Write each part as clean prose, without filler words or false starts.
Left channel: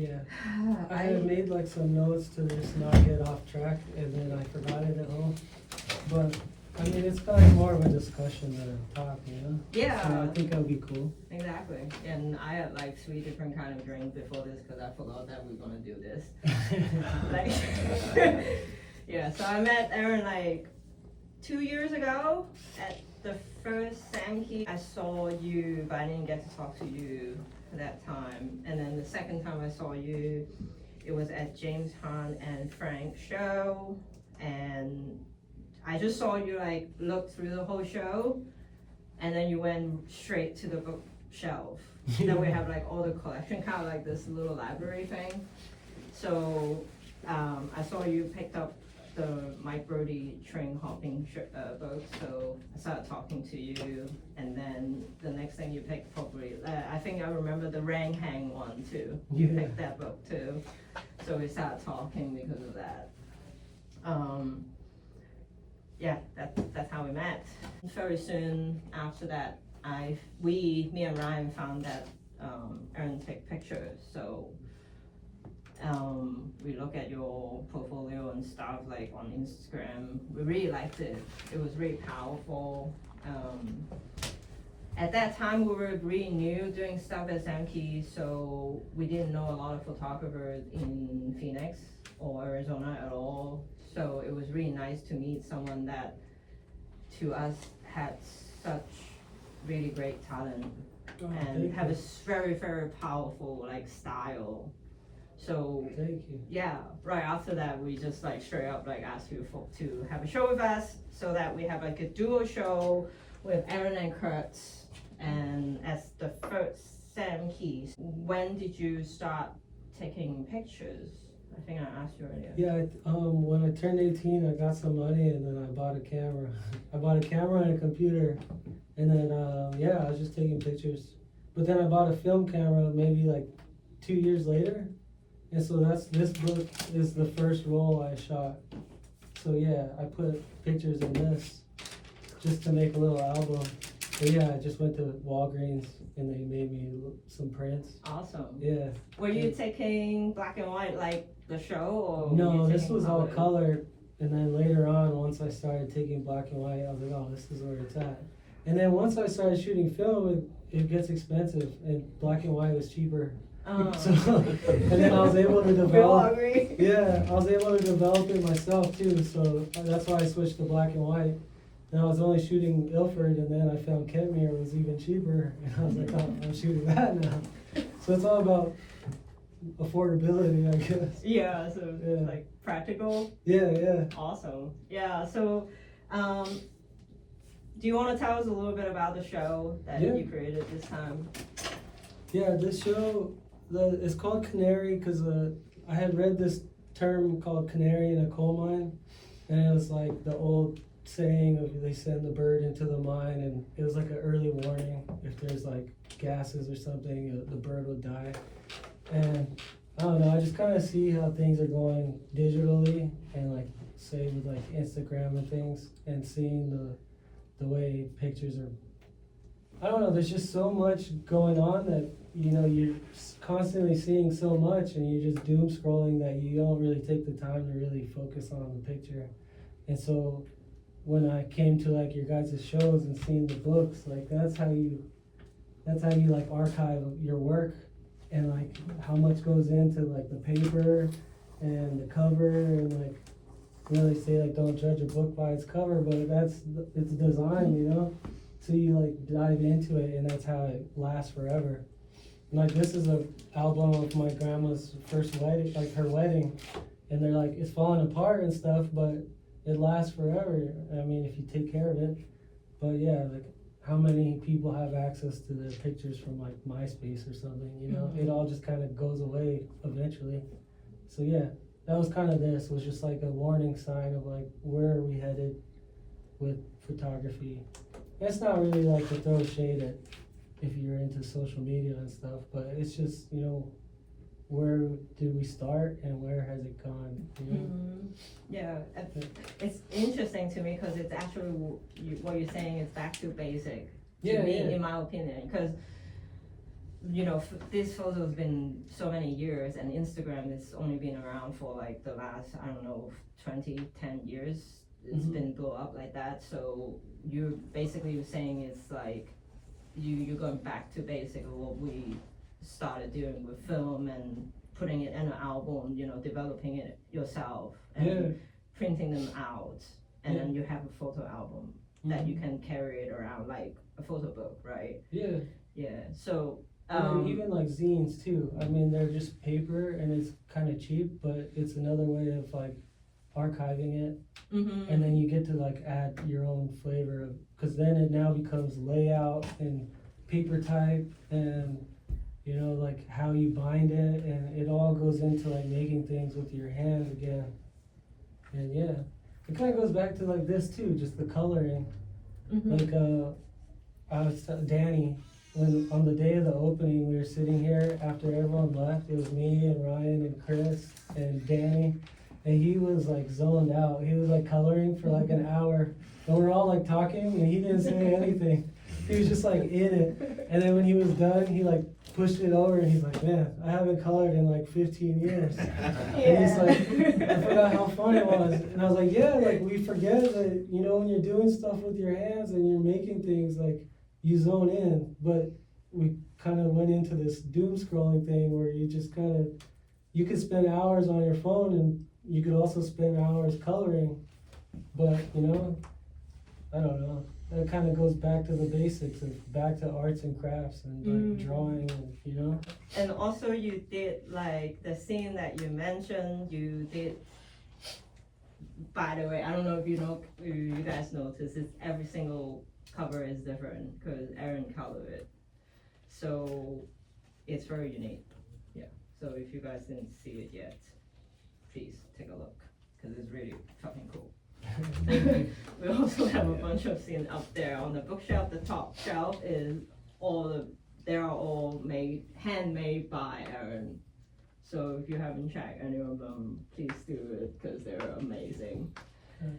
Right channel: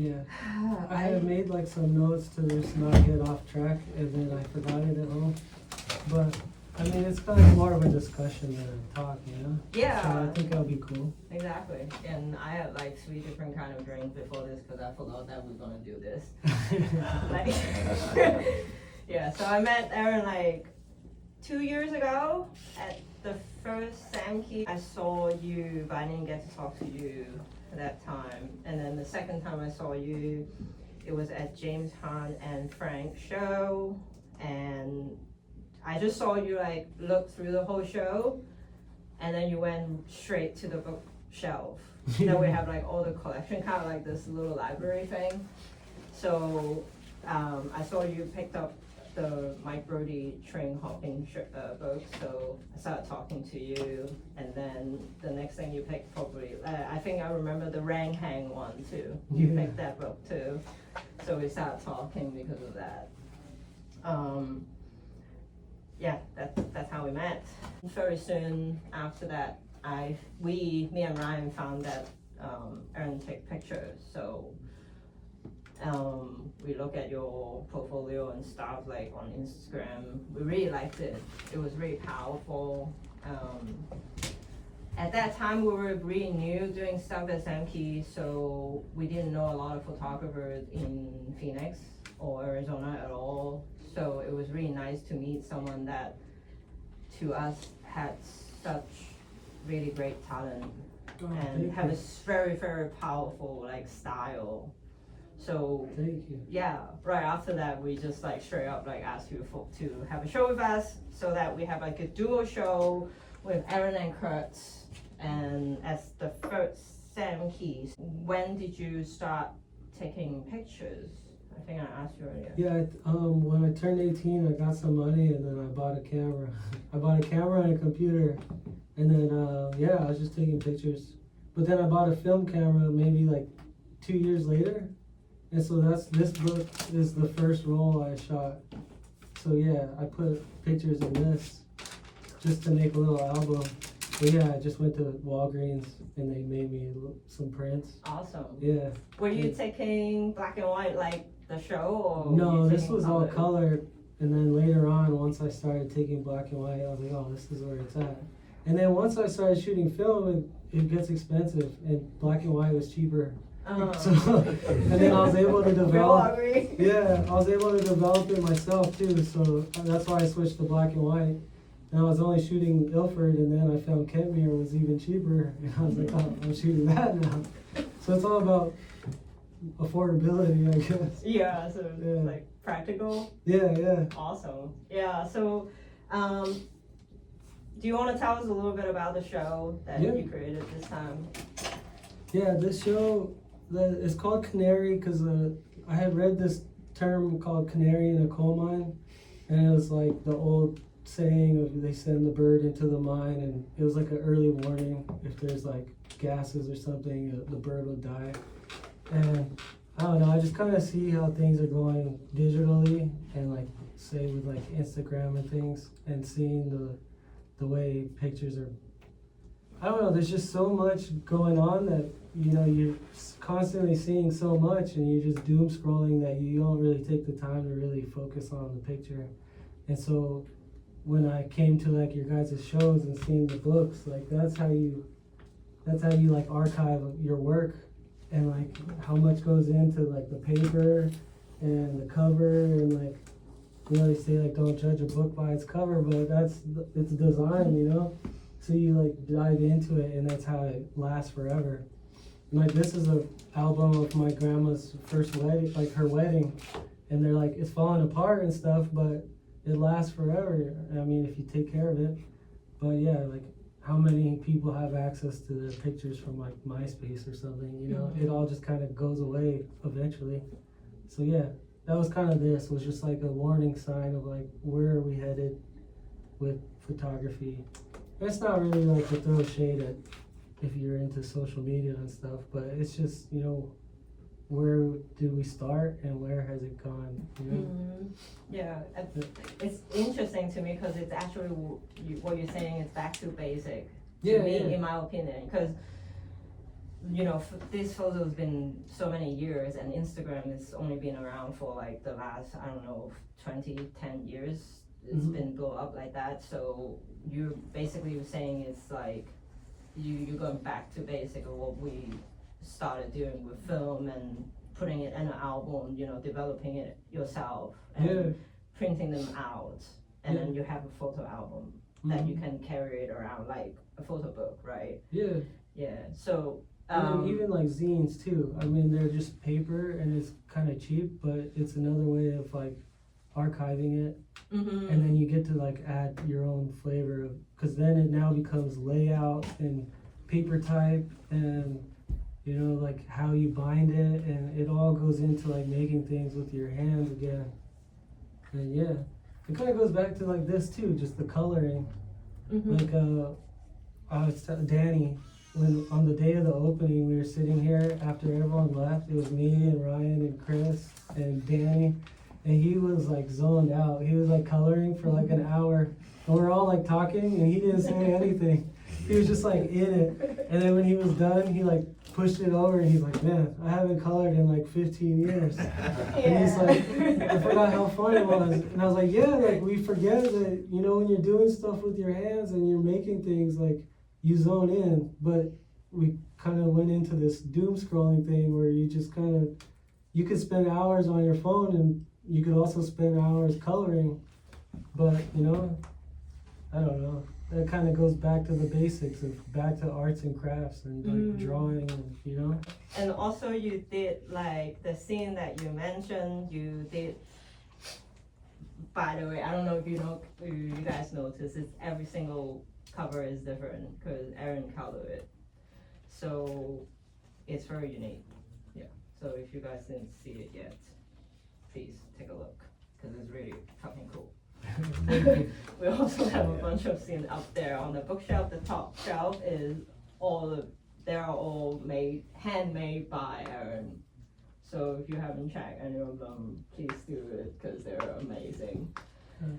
Yeah. I had made like some notes to just not get off track, and then I forgot it at home. But I mean, it's kind of more of a discussion than a talk, you know? Yeah. So I think that'll be cool. Exactly. And I had like 3 different kind of drinks before this because I forgot that we are gonna do this. Like, yeah. So I met Airen like 2 years ago at the first Samkey. I saw you, but I didn't get to talk to you at that time. And then the second time I saw you, it was at James Hunt and Frank's show, and I just saw you like look through the whole show, and then you went straight to the bookshelf. Then we have like all the collection, kind of like this little library thing. So I saw you picked up the Mike Brody train hopping book, so I started talking to you, and then the next thing you picked probably, I think I remember the Rang Hang one too. You picked that book too, so we started talking because of that. Yeah, that's how we met. Very soon after that, me and Ryan found that Airen take pictures, so we look at your portfolio and stuff like on Instagram. We really liked it. It was really powerful. At that time, we were really new doing stuff at Samkey, so we didn't know a lot of photographers in Phoenix or Arizona at all. So it was really nice to meet someone that, to us, had such really great talent and have a very, very powerful like style. So yeah, right after that, we just like straight up like asked you to have a show with us, so that we have like a duo show with Airen and Kurt, and as the first Samkeys. When did you start taking pictures? I think I asked you earlier. Yeah, when I turned 18, I got some money, and then I bought a camera. I bought a camera and a computer, and then yeah, I was just taking pictures. But then I bought a film camera maybe like 2 years later, and so this book is the first roll I shot. So yeah, I put pictures in this just to make a little album. But yeah, I just went to Walgreens and they made me some prints. Awesome. Yeah. Were you taking black and white like the show, or no? This was all color, and then later on, once I started taking black and white, I was like, oh, this is where it's at. And then once I started shooting film, it gets expensive, and black and white was cheaper. So, and then I was able to develop. Yeah, I was able to develop it myself too. So that's why I switched to black and white. And I was only shooting Ilford, and then I found Canary was even cheaper, and I was like, oh, I'm shooting that now. So it's all about affordability, I guess. Yeah, so it's like practical. Yeah, yeah. Awesome. Yeah, so do you want to tell us a little bit about the show that you created this time? Yeah, this show, it's called Canary because I had read this term called canary in a coal mine, and it was like the old saying of they send the bird into the mine, and it was like an early warning if there's like gases or something, the bird would die. And I don't know, I just kind of see how things are going digitally, and like say with like Instagram and things, and seeing the way pictures are, I don't know, there's just so much going on that, you know, you're constantly seeing so much, and you're just doom scrolling that you don't really take the time to really focus on the picture. And so when I came to like your guys' shows and seeing the books, like that's how you like archive your work, and like how much goes into like the paper and the cover, and like, you know, they say like don't judge a book by its cover, but it's design, you know, so you like dive into it, and that's how it lasts forever. And like this is a album of my grandma's first wedding, like her wedding, and they're like, it's falling apart and stuff, but it lasts forever. I mean, if you take care of it. But yeah, like how many people have access to the pictures from like MySpace or something, you know? It all just kind of goes away eventually. So yeah, that was kind of this. It was just like a warning sign of like, where are we headed with photography? That's not really like to throw shade at if you're into social media and stuff, but it's just, you know, where did we start and where has it gone? You know? Yeah, it's interesting to me because it's actually what you're saying is back to basic. To me, in my opinion, because you know, this photo's been so many years, and Instagram has only been around for like the last, I don't know, 10 years. It's been built up like that. So you're saying it's like you're going back to basic of what we started doing with film and putting it in an album, you know, developing it yourself and printing them out, and then you have a photo album that you can carry it around like a photo book, right? Yeah. So even like zines too. I mean, they're just paper and it's kind of cheap, but it's another way of like archiving it, and then you get to like add your own flavor of, because then it now becomes layout and paper type and, you know, like how you bind it, and it all goes into like making things with your hands again. And yeah, it kind of goes back to like this too, just the coloring. Like I was Danny, when on the day of the opening we were sitting here after everyone left. It was me and Ryan and Chris and Danny, and he was like zoned out. He was like coloring for like an hour, and we're all like talking and he didn't say anything. He was just like in it. And then when he was done, he like pushed it over and he's like, man, I haven't colored in like 15 years. And he's like, I forgot how fun it was. And I was like, yeah, like we forget that, you know, when you're doing stuff with your hands and you're making things, like you zone in. But we kind of went into this doom scrolling thing where you just kind of, you could spend hours on your phone and you could also spend hours coloring. But, you know, I don't know. That kind of goes back to the basics of back to arts and crafts and like drawing, and, you know. And also you did like the scene that you mentioned, you did, by the way, I don't know if you guys notice, it's every single cover is different because Airen colored it. So it's very unique. Yeah. So if you guys didn't see it yet, please take a look because it's really fucking cool. We also have a bunch of scenes up there on the bookshelf. The top shelf is they're all handmade by Airen. So if you haven't checked any of them, please do it because they're amazing.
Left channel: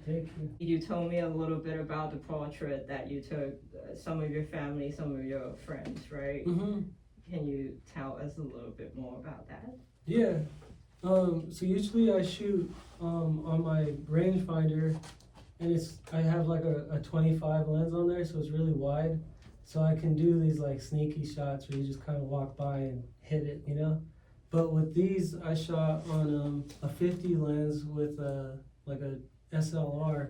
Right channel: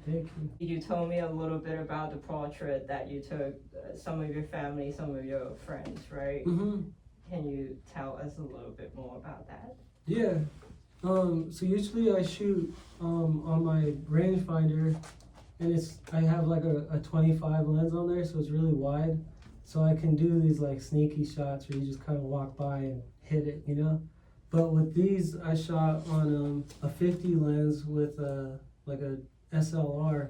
Thank you. You told me a little bit about the portrait that you took, some of your family, some of your friends, right? Can you tell us a little bit more about that? Yeah. So usually I shoot on my rangefinder, and I have like a 25 lens on there, so it's really wide. So I can do these like sneaky shots where you just kind of walk by and hit it, you know? But with these, I shot on a 50 lens with like a SLR.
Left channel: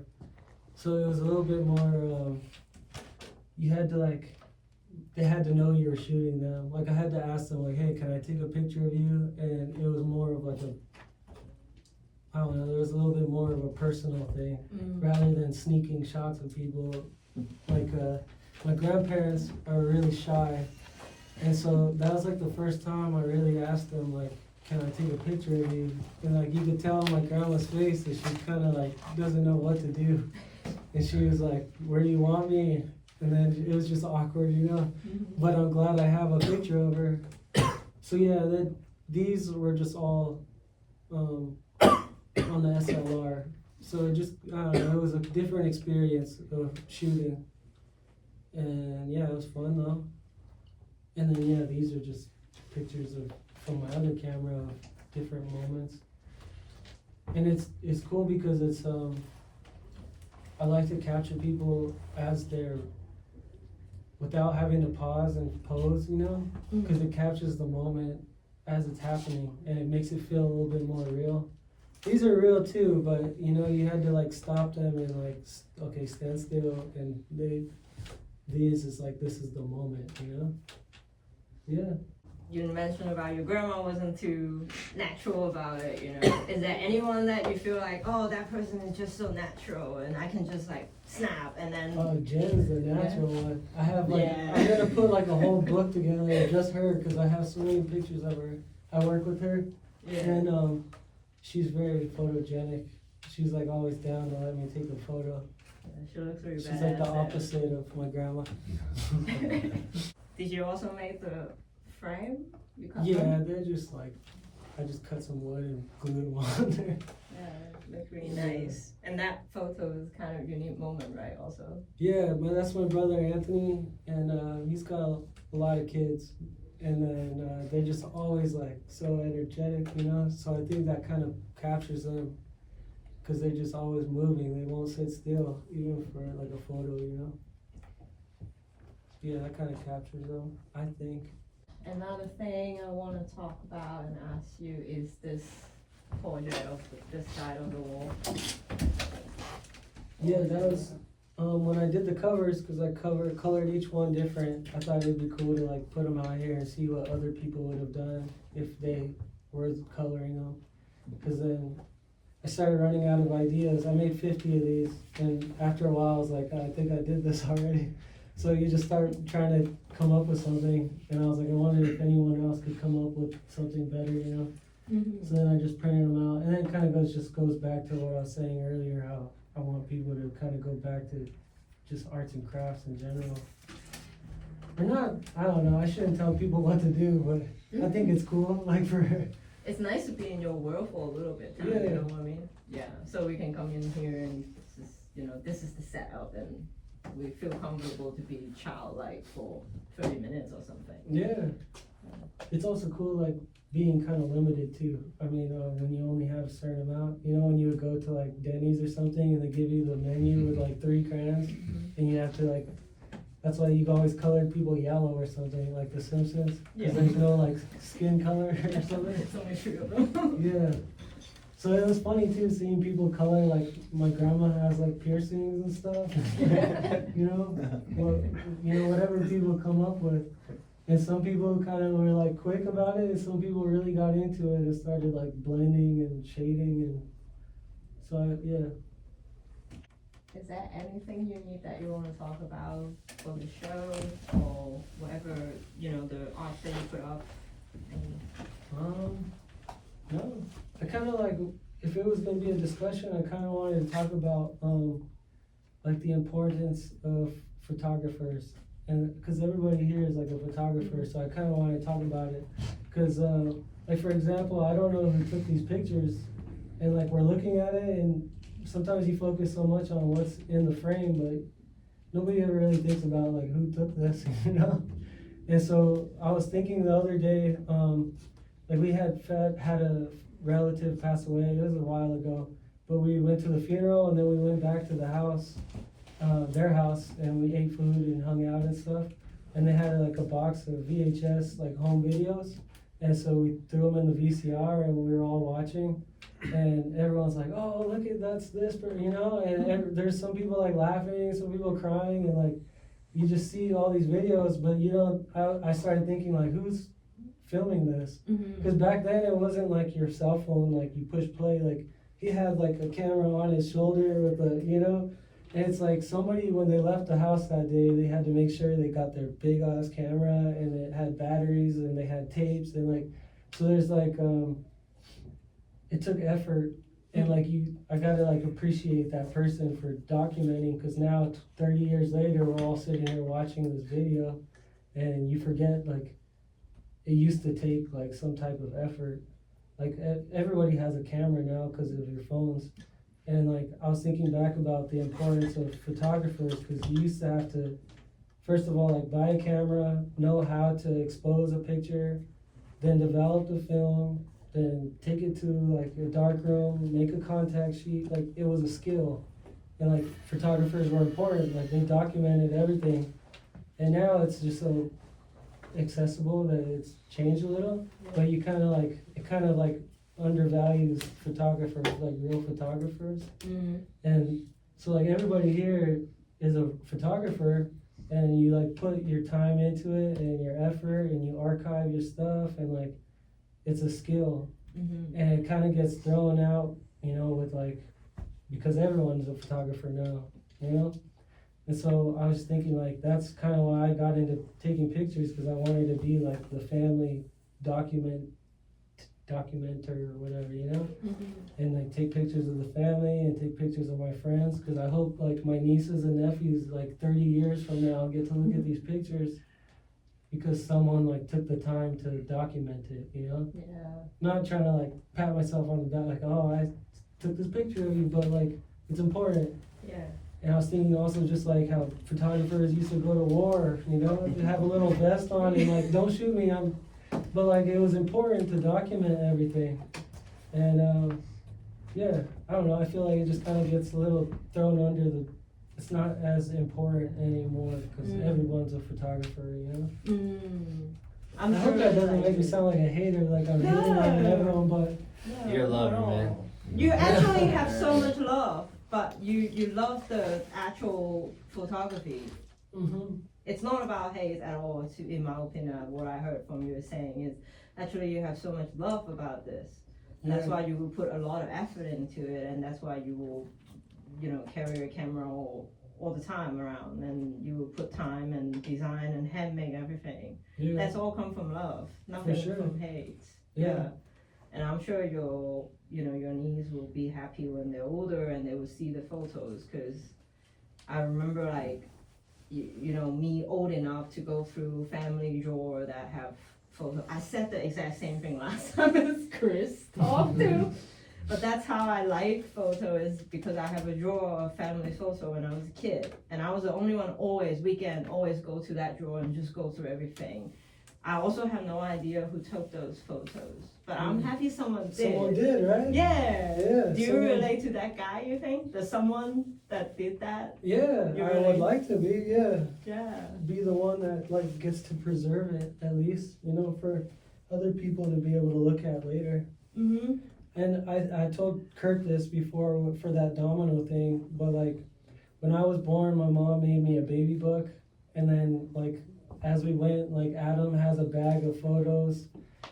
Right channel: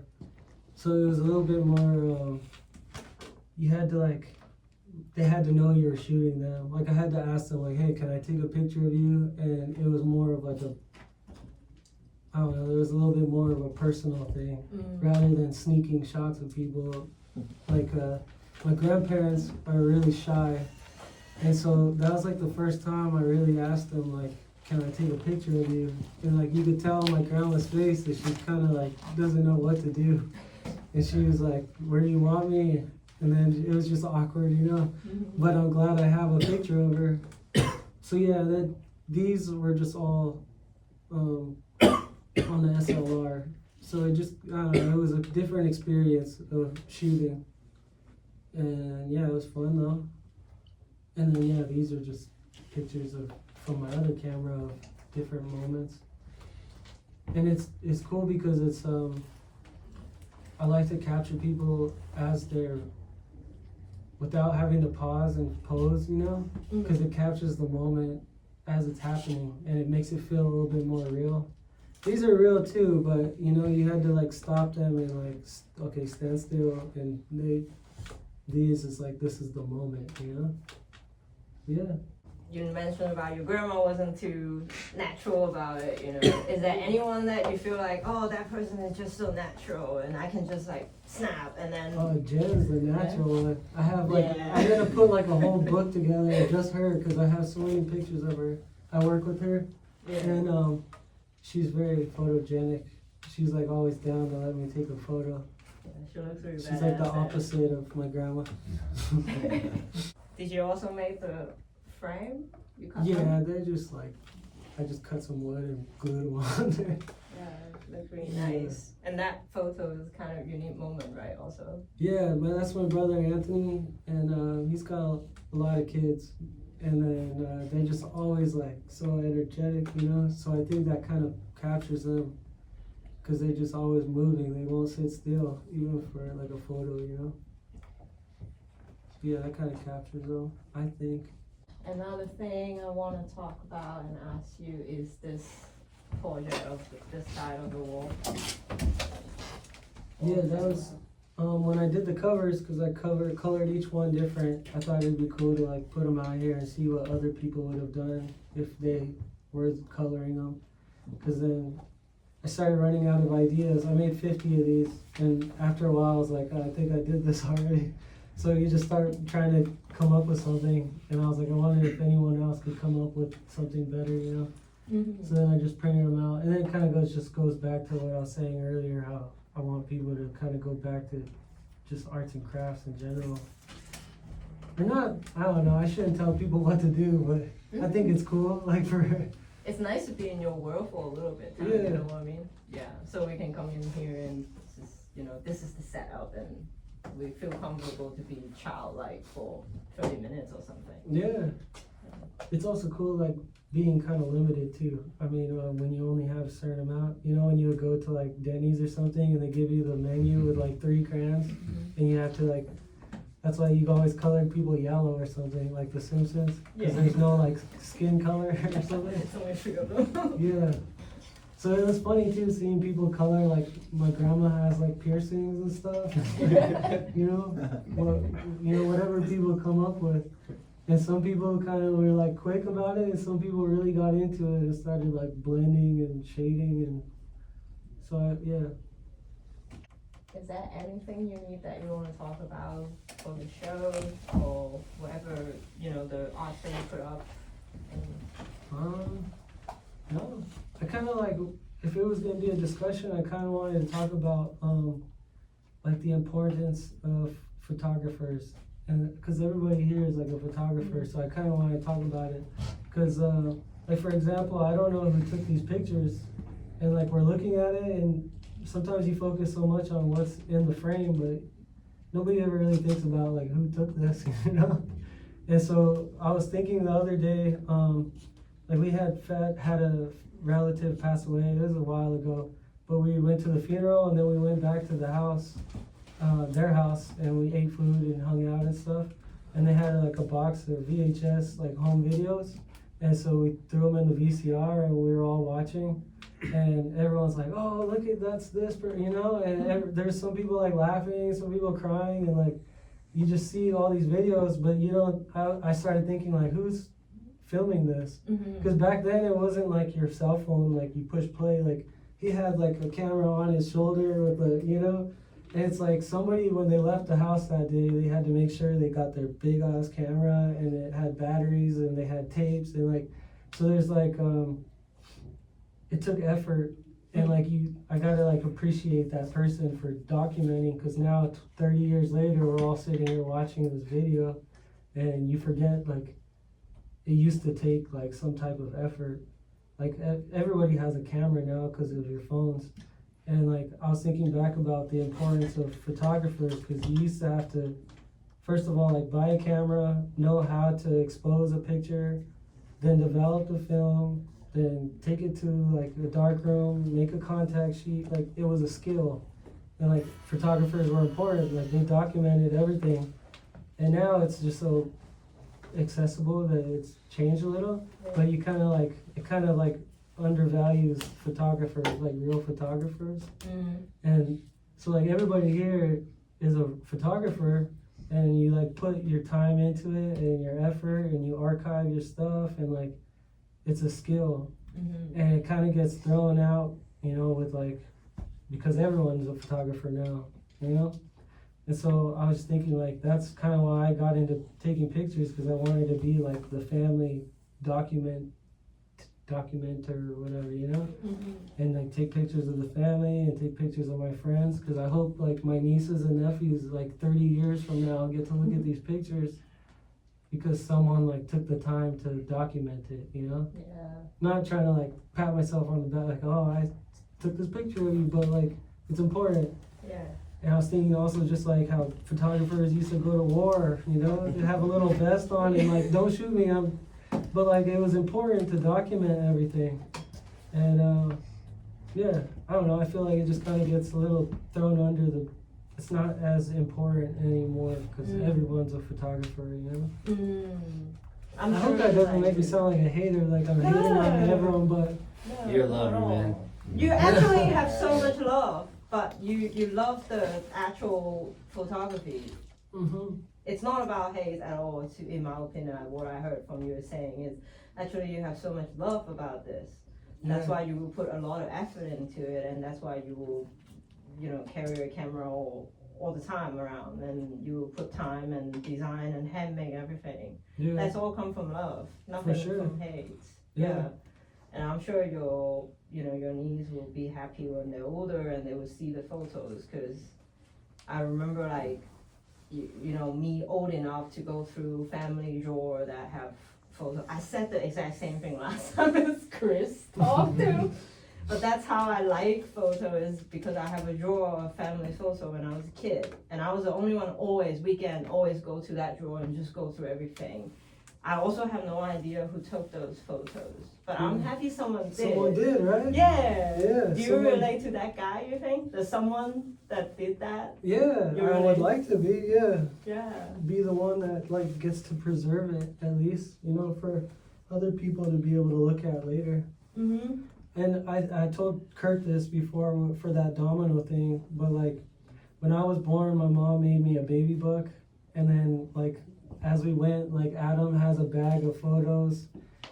So it was a little bit more, you had to like, they had to know you were shooting them. Like I had to ask them like, hey, can I take a picture of you? And it was more of like I don't know, there was a little bit more of a personal thing rather than sneaking shots of people. Like my grandparents are really shy. And so that was like the first time I really asked them like, can I take a picture of you? And like you could tell on my grandma's face that she kind of like doesn't know what to do. And she was like, where do you want me? And then it was just awkward, you know. But I'm glad I have a picture of her. So yeah, these were just all on the SLR. So it just, I don't know, it was a different experience of shooting. And yeah, it was fun though. And then yeah, these are just pictures from my other camera of different moments. And it's cool because it's I like to capture people as they're, without having to pause and pose, you know, because it captures the moment as it's happening and it makes it feel a little bit more real. These are real too, but you know, you had to like stop them and like, okay, stand still, and these is like, this is the moment, you know? Yeah. You mentioned about your grandma wasn't too natural about it, you know. Is there anyone that you feel like, oh, that person is just so natural and I can just like snap and then... Oh, Jen's the natural one. I have like, I had to put like a whole book together, just her, because I have so many pictures of her. I work with her, and she's very photogenic. She's like always down to let me take a photo. Yeah, she looks really badass. She's like the opposite of my grandma. Did you also make the frame? You cut them? They're just like, I just cut some wood and glued them on there. Yeah, looks really nice. And that photo is kind of a unique moment, right, also? Yeah, but that's my brother Anthony, and he's got a lot of kids. and then they're just always like so energetic, you know. So I think that kind of captures them because they're just always moving. They won't sit still, even for like a photo, you know. Yeah, that kind of captures them, I think. Another thing I want to talk about and ask you is this portrait of this side of the wall. Yeah, that was when I did the covers, because I colored each one different. I thought it'd be cool to like put them out here and see what other people would have done if they were coloring them. Because then I started running out of ideas. I made 50 of these, and after a while I was like, I think I did this already. So you just start trying to come up with something, and I was like, I wonder if anyone else could come up with something better, you know? Mm-hmm. So then I just printed them out, and then it kind of goes back to what I was saying earlier, how I want people to kind of go back to just arts and crafts in general. Or not, I don't know, I shouldn't tell people what to do, but I think it's cool, like for... It's nice to be in your world for a little bit time, Yeah. you know what I mean? Yeah, so we can come in here and this is, you know, this is the setup and we feel comfortable to be childlike for 30 minutes or something. Yeah. It's also cool, like, being kind of limited too. I mean, when you only have a certain amount, you know, when you would go to like Denny's or something and they give you the menu with like 3 crayons, and you have to like, that's why you always colored people yellow or something, like The Simpsons, because there's no like skin color or something. It's only 3 of them. Yeah. So it was funny too, seeing people color, like my grandma has like piercings and stuff, you know, whatever people come up with. And some people kind of were like quick about it, and some people really got into it and started like blending and shading, and so yeah. Is there anything you need that you want to talk about for the show or whatever, you know, the art that you put up? No. I kind of like, if it was gonna be a discussion, I kind of wanted to talk about like the importance of photographers. And because everybody here is like a photographer, so I kind of want to talk about it. Because, like for example, I don't know who took these pictures, and like we're looking at it, and sometimes you focus so much on what's in the frame, but nobody ever really thinks about like who took this, you know. And so I was thinking the other day, like we had a relative pass away. It was a while ago, but we went to the funeral, and then we went back to the house. Their house, and we ate food and hung out and stuff, and they had like a box of VHS like home videos, and so we threw them in the VCR and we were all watching, and everyone's like, oh look at that's this, you know, and there's some people like laughing, some people crying, and like you just see all these videos, but you don't. I started thinking like, who's filming this? Because back then it wasn't like your cell phone, like you push play, like he had like a camera on his shoulder with the, you know. And it's like somebody, when they left the house that day, they had to make sure they got their big ass camera, and it had batteries, and they had tapes, and like, so there's like, it took effort, and like I gotta like appreciate that person for documenting, because now 30 years later, we're all sitting here watching this video, and you forget like, it used to take like some type of effort. Like everybody has a camera now because of your phones. And like, I was thinking back about the importance of photographers, because you used to have to, first of all, like buy a camera, know how to expose a picture, then develop the film, then take it to like a dark room, make a contact sheet. Like it was a skill. And like photographers were important, like they documented everything. And now it's just so accessible that it's changed a little, but you kind of like, it kind of like undervalues photographers, like real photographers. And so like everybody here is a photographer, and you like put your time into it and your effort, and you archive your stuff, and like it's a skill. And it kind of gets thrown out, you know, with like, because everyone's a photographer now, you know. And so I was thinking like, that's kind of why I got into taking pictures, because I wanted to be like the family documenter or whatever, you know. And like take pictures of the family and take pictures of my friends, because I hope like my nieces and nephews like 30 years from now get to look at these pictures because someone like took the time to document it, you know. Not trying to like pat myself on the back like, oh, I took this picture of you, but like it's important. And I was thinking also just like how photographers used to go to war, you know, they have a little vest on and like, don't shoot me, but like it was important to document everything. And yeah, I don't know, I feel like it just kind of gets a little thrown under the, it's not as important anymore because everyone's a photographer, you know? I hope that doesn't make me sound like a hater, like I'm hating on everyone, but You're a lover, man. You actually have so much love, but you love the actual photography. It's not about hate at all, in my opinion. What I heard from you saying is actually you have so much love about this. That's why you will put a lot of effort into it, and that's why you will, you know, carry your camera all the time around, and you will put time and design and handmake everything. That's all come from love, nothing from hate. And I'm sure your niece will be happy when they're older and they will see the photos, because I remember like, you know, me old enough to go through family drawer that have photos. I said the exact same thing last time as Chris talked to, but that's how I like photos, because I have a drawer of family photo when I was a kid, and I was the only one always go to that drawer and just go through everything. I also have no idea who took those photos, but I'm happy someone did. Someone did, right? Yeah. Do you someone... relate to that guy, you think? There's someone that did that? Yeah, I would like to be, Yeah. Be the one that like gets to preserve it, at least, you know, for other people to be able to look at later. And I told Kurt this before for that domino thing, but like when I was born, my mom made me a baby book, and then like as we went, like Adam has a bag of photos,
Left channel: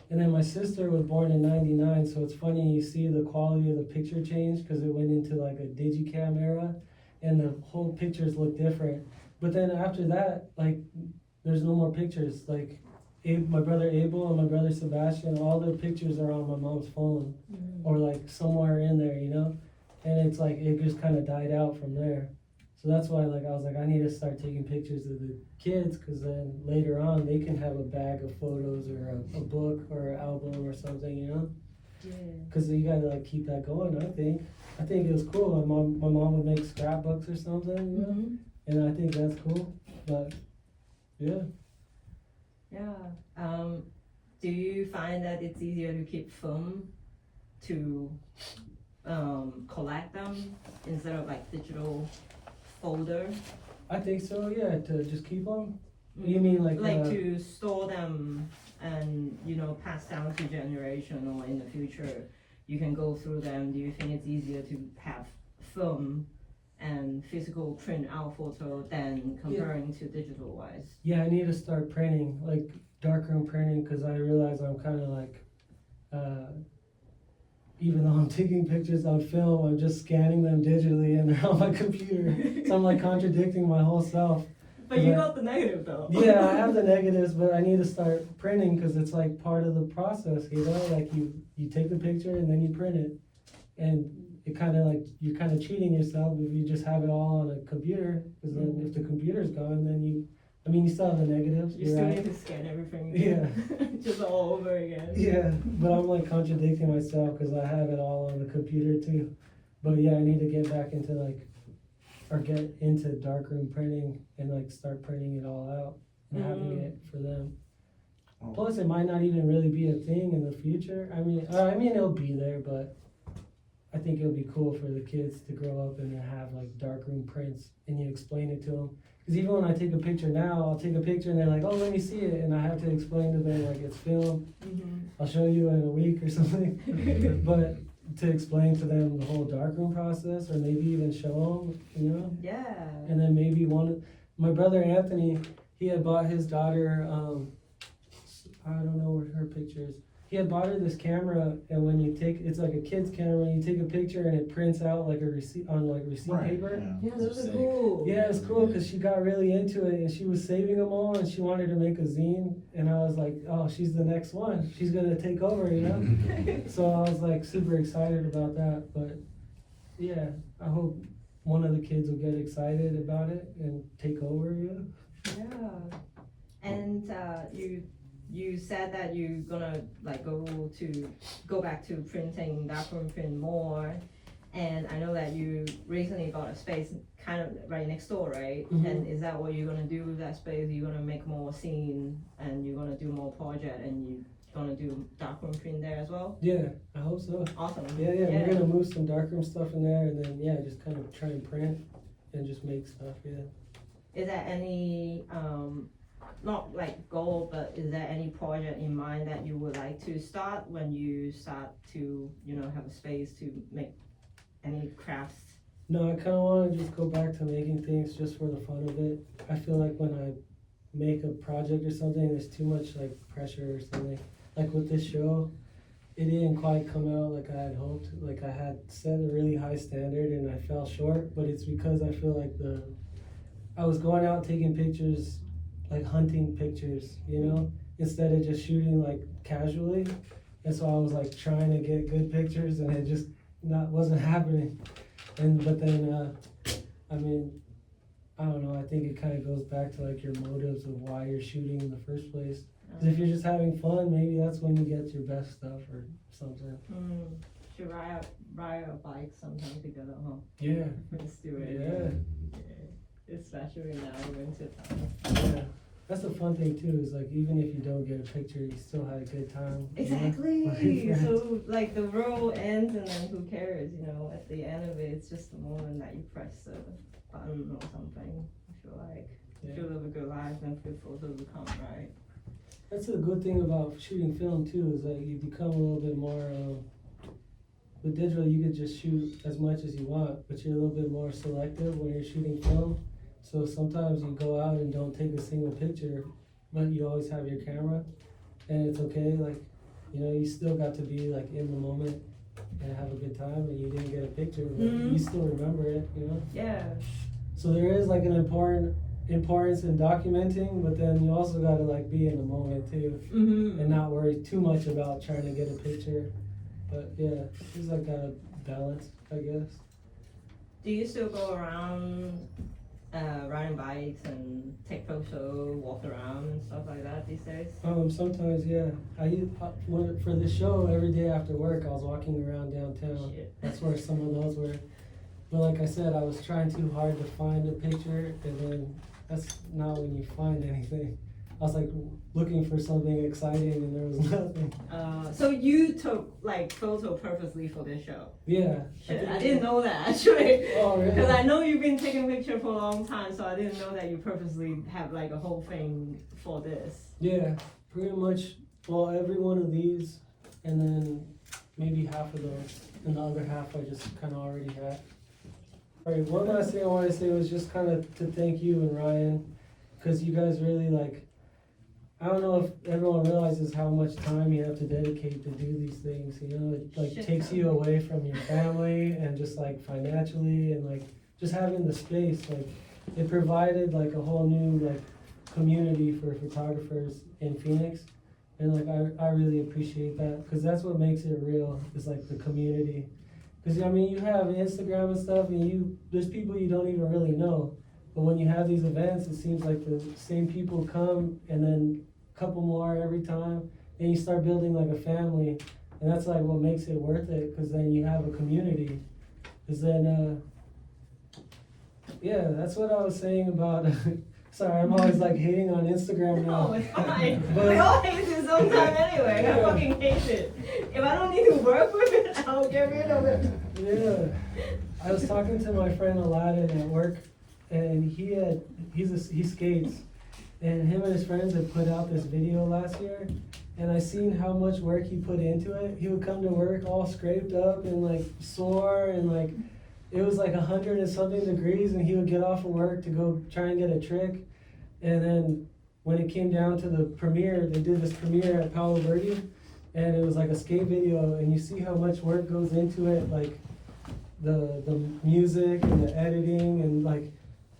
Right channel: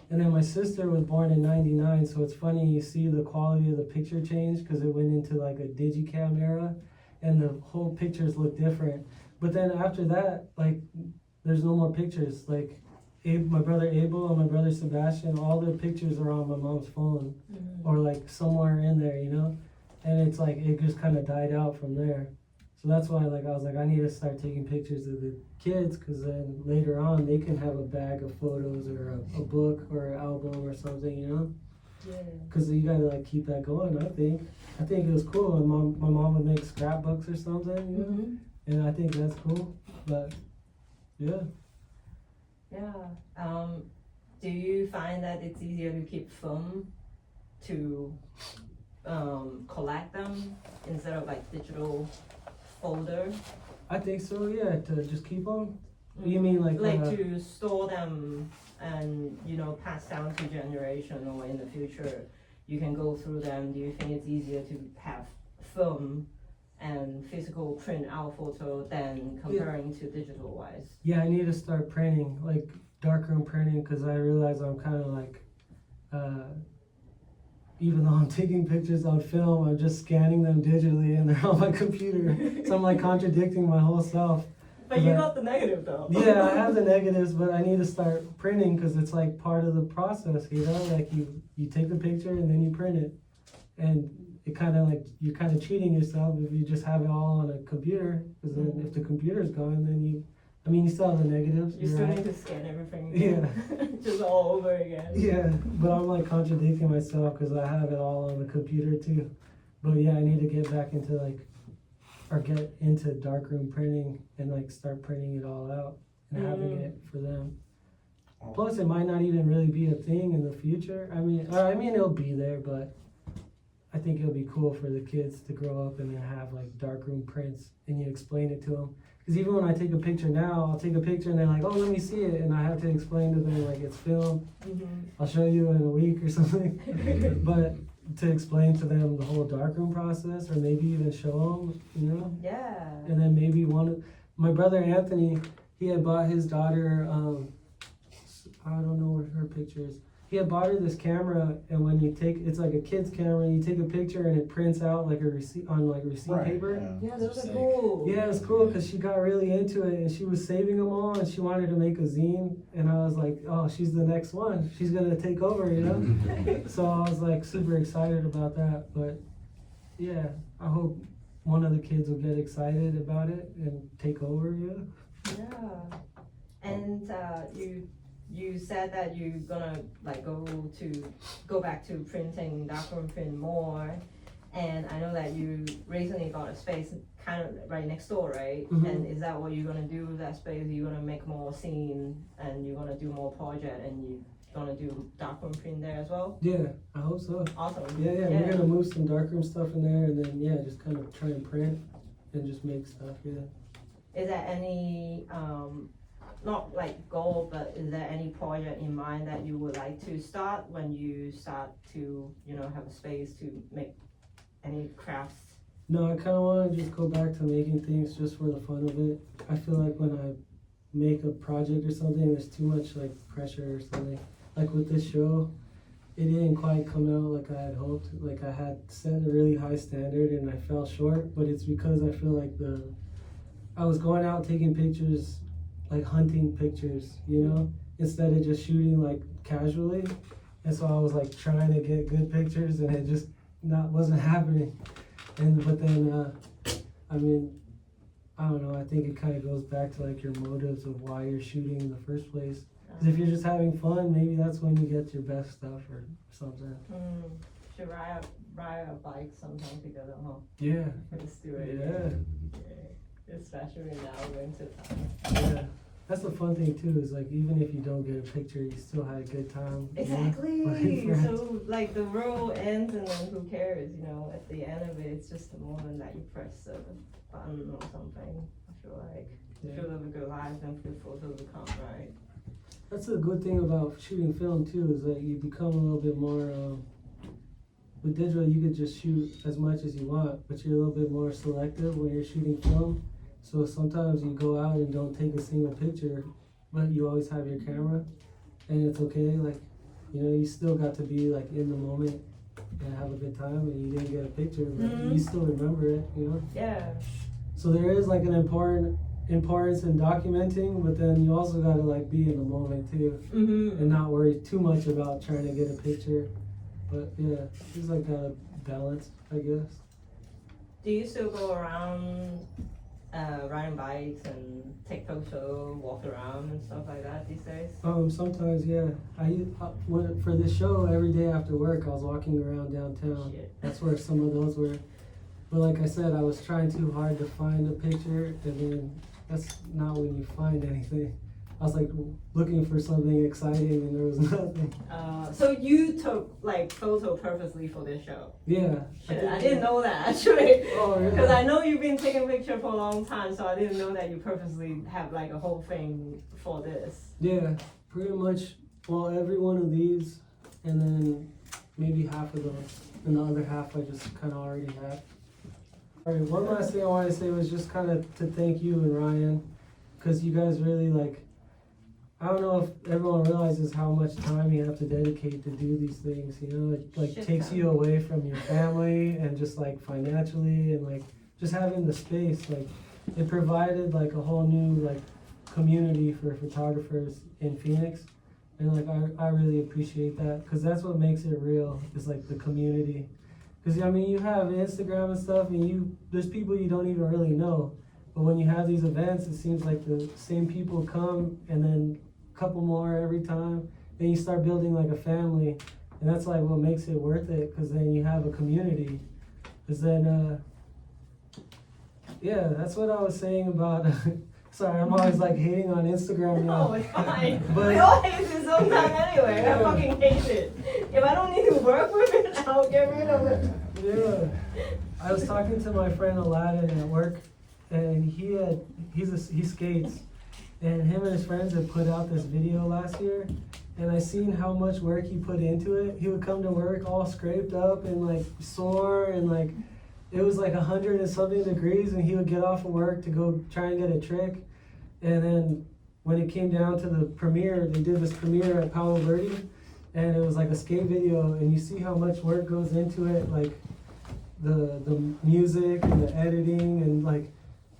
and then my sister was born in '99, so it's funny you see the quality of the picture change because it went into like a digicam era, and the whole pictures look different. But then after that, like there's no more pictures. Like my brother Abel and my brother Sebastian, all their pictures are on my mom's phone or like somewhere in there, you know? And it's like, it just kind of died out from there. So that's why like I was like, I need to start taking pictures of the kids, because then later on they can have a bag of photos or a book or an album or something, you know? Because you gotta like keep that going, I think. I think it was cool. My mom would make scrapbooks or something, you know? And I think that's cool, but yeah. Do you find that it's easier to keep film to collect them instead of like digital folder? I think so, yeah, to just keep them. You mean like to store them and, you know, pass down to generation, or in the future you can go through them? Do you think it's easier to have film and physical print out photo than comparing to digital wise? Yeah, I need to start printing, like darkroom printing, because I realize I'm kind of like, even though I'm taking pictures on film, I'm just scanning them digitally and they're on my computer. So I'm like contradicting my whole self. But you got the negative though. Yeah, I have the negatives, but I need to start printing because it's like part of the process, you know? Like you take the picture and then you print it. And it kind of like, you're kind of cheating yourself if you just have it all on a computer, because then if the computer's gone, then you still have the negatives. You still need to scan everything. Yeah. Just all over again. Yeah, but I'm like contradicting myself because I have it all on the computer too. But yeah, I need to get back into get into darkroom printing and like start printing it all out and having it for them. Plus, it might not even really be a thing in the future. I mean, it'll be there, but I think it'll be cool for the kids to grow up and have like darkroom prints, and you explain it to them. Because even when I take a picture now, I'll take a picture and they're like, oh, let me see it. And I have to explain to them, like, it's film. I'll show you in a week or something. But to explain to them the whole darkroom process, or maybe even show them, you know? Yeah. And then maybe my brother Anthony, he had bought his daughter, I don't know what her picture is. He had bought her this camera, and when you it's like a kid's camera, you take a picture and it prints out like a receipt on like receipt paper. Yeah, those are cool. Yeah, it's cool because she got really into it and she was saving them all and she wanted to make a zine, and I was like, oh, she's the next one. She's gonna take over, you know? So I was like super excited about that, but yeah, I hope one of the kids will get excited about it and take over, you know? Yeah. And you said that you're gonna like go back to printing darkroom print more, And I know that you recently got a space kind of right next door, right? Mhm. And is that what you're gonna do with that space? You're gonna make more scene and you're gonna do more project and you gonna do darkroom print there as well? Yeah, I hope so. Awesome. Yeah, we're gonna move some darkroom stuff in there, and then just kind of try and print and just make stuff. Yeah. Is there any not like goal, but is there any project in mind that you would like to start when you start to have a space to make any crafts? No, I kind of want to just go back to making things just for the fun of it. I feel like when I make a project or something, there's too much like pressure or something. Like with this show, it didn't quite come out like I had hoped. Like I had set a really high standard and I fell short, but it's because I feel like I was going out taking pictures, like hunting pictures, instead of just shooting like casually. And so I was like trying to get good pictures and it just wasn't happening. But then I mean, I don't know, I think it kind of goes back to like your motives of why you're shooting in the first place. 'Cause if you're just having fun, maybe that's when you get your best stuff or something. Should ride a bike sometimes together, huh? Yeah. Let's do it. Yeah. Especially now, winter time. Yeah. That's the fun thing too, is like even if you don't get a picture, you still had a good time. Exactly. So like the road ends and then who cares, at the end of it, it's just the moment that you press the button or something. I feel like if you live a good life, then good photos will come, right? That's a good thing about shooting film too, is that you become a little bit more, with digital you could just shoot as much as you want, but you're a little bit more selective when you're shooting film. So sometimes you go out and don't take a single picture, but you always have your camera, and it's okay. Like, you still got to be like in the moment and have a good time, and you didn't get a picture, but you still remember it, Yeah. So there is like an importance in documenting, but then you also gotta like be in the moment too, and not worry too much about trying to get a picture. But yeah, it's like a balance, I guess. Do you still go around riding bikes and take photos, walk around and stuff like that these days? Sometimes, yeah. For the show, every day after work, I was walking around downtown. Shit. That's where some of those were. But like I said, I was trying too hard to find a picture, and then that's not when you find anything. I was like looking for something exciting, and there was nothing. So you took like photo purposely for this show? Yeah. Shit, I didn't know that actually. Oh, really? Because I know you've been taking pictures for a long time, so I didn't know that you purposely have like a whole thing for this. Yeah, pretty much. Well, every one of these, and then maybe half of those, and the other half I just kind of already had. All right, one last thing I wanted to say was just kind of to thank you and Ryan, because you guys really like, I don't know if everyone realizes how much time you have to dedicate to do these things, it like takes you away from your family and just like financially and like just having the space, like it provided like a whole new like community for photographers in Phoenix, and like I really appreciate that, because that's what makes it real, is like the community. Because I mean, you have Instagram and stuff, and there's people you don't even really know, but when you have these events, it seems like the same people come, and then a couple more every time, and you start building like a family, and that's like what makes it worth it, because then you have a community. Because then yeah, that's what I was saying about sorry, I'm always like hating on Instagram now. No, it's fine. We all hate it sometime anyway. I fucking hate it. If I don't need to work with it, I'll get rid of it. Yeah. I was talking to my friend Aladdin at work, and he skates, and him and his friends had put out this video last year, and I seen how much work he put into it. He would come to work all scraped up and like sore, and like it was like 100 and something degrees, and he would get off of work to go try and get a trick. And then when it came down to the premiere, they did this premiere at Palo Verde, and it was like a skate video, and you see how much work goes into it, like the music and the editing, and like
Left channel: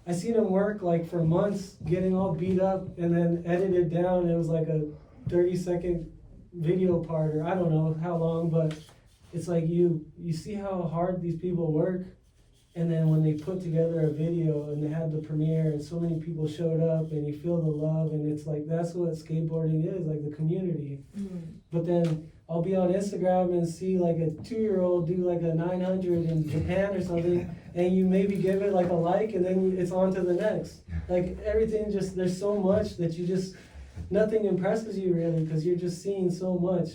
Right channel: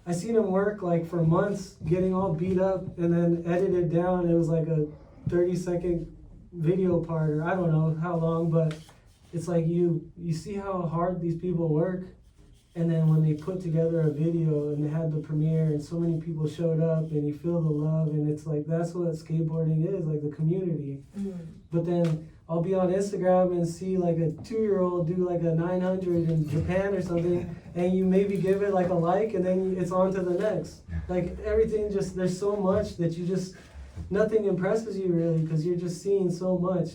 I seen him work like for months getting all beat up and then edit it down. It was like a 30-second video part, or I don't know how long, but it's like you see how hard these people work, and then when they put together a video and they had the premiere and so many people showed up and you feel the love, and it's like that's what skateboarding is, like the community. But then I'll be on Instagram and see like a 2-year-old do like a 900 in Japan or something, and you maybe give it like a like, and then it's on to the next. Like everything just, there's so much that you just, nothing impresses you really, because you're just seeing so much.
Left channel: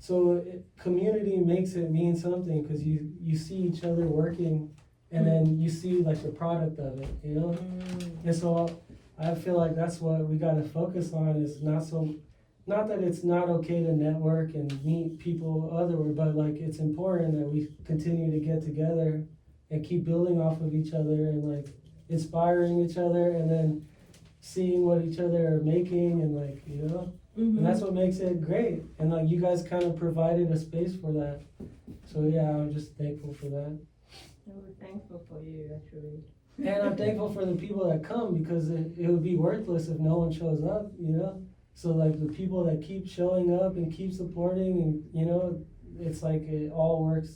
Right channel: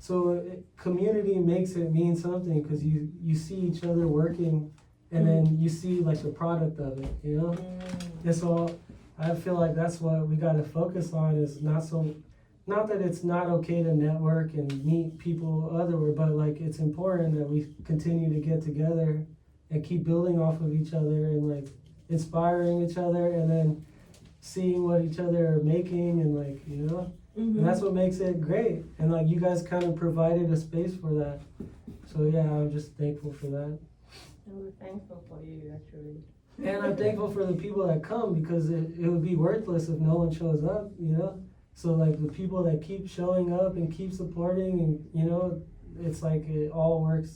So community makes it mean something, because you see each other working, and then you see like the product of it, you know? And so I feel like that's what we gotta focus on, is not that it's not okay to network and meet people otherwise, but like it's important that we continue to get together and keep building off of each other and like inspiring each other, and then seeing what each other are making, and like, you know, and that's what makes it great. And like you guys kind of provided a space for that. So yeah, I'm just thankful for that. We're thankful for you, actually. And I'm thankful for the people that come, because it would be worthless if no one shows up, you know? So like the people that keep showing up and keep supporting, and you know, it's like it all works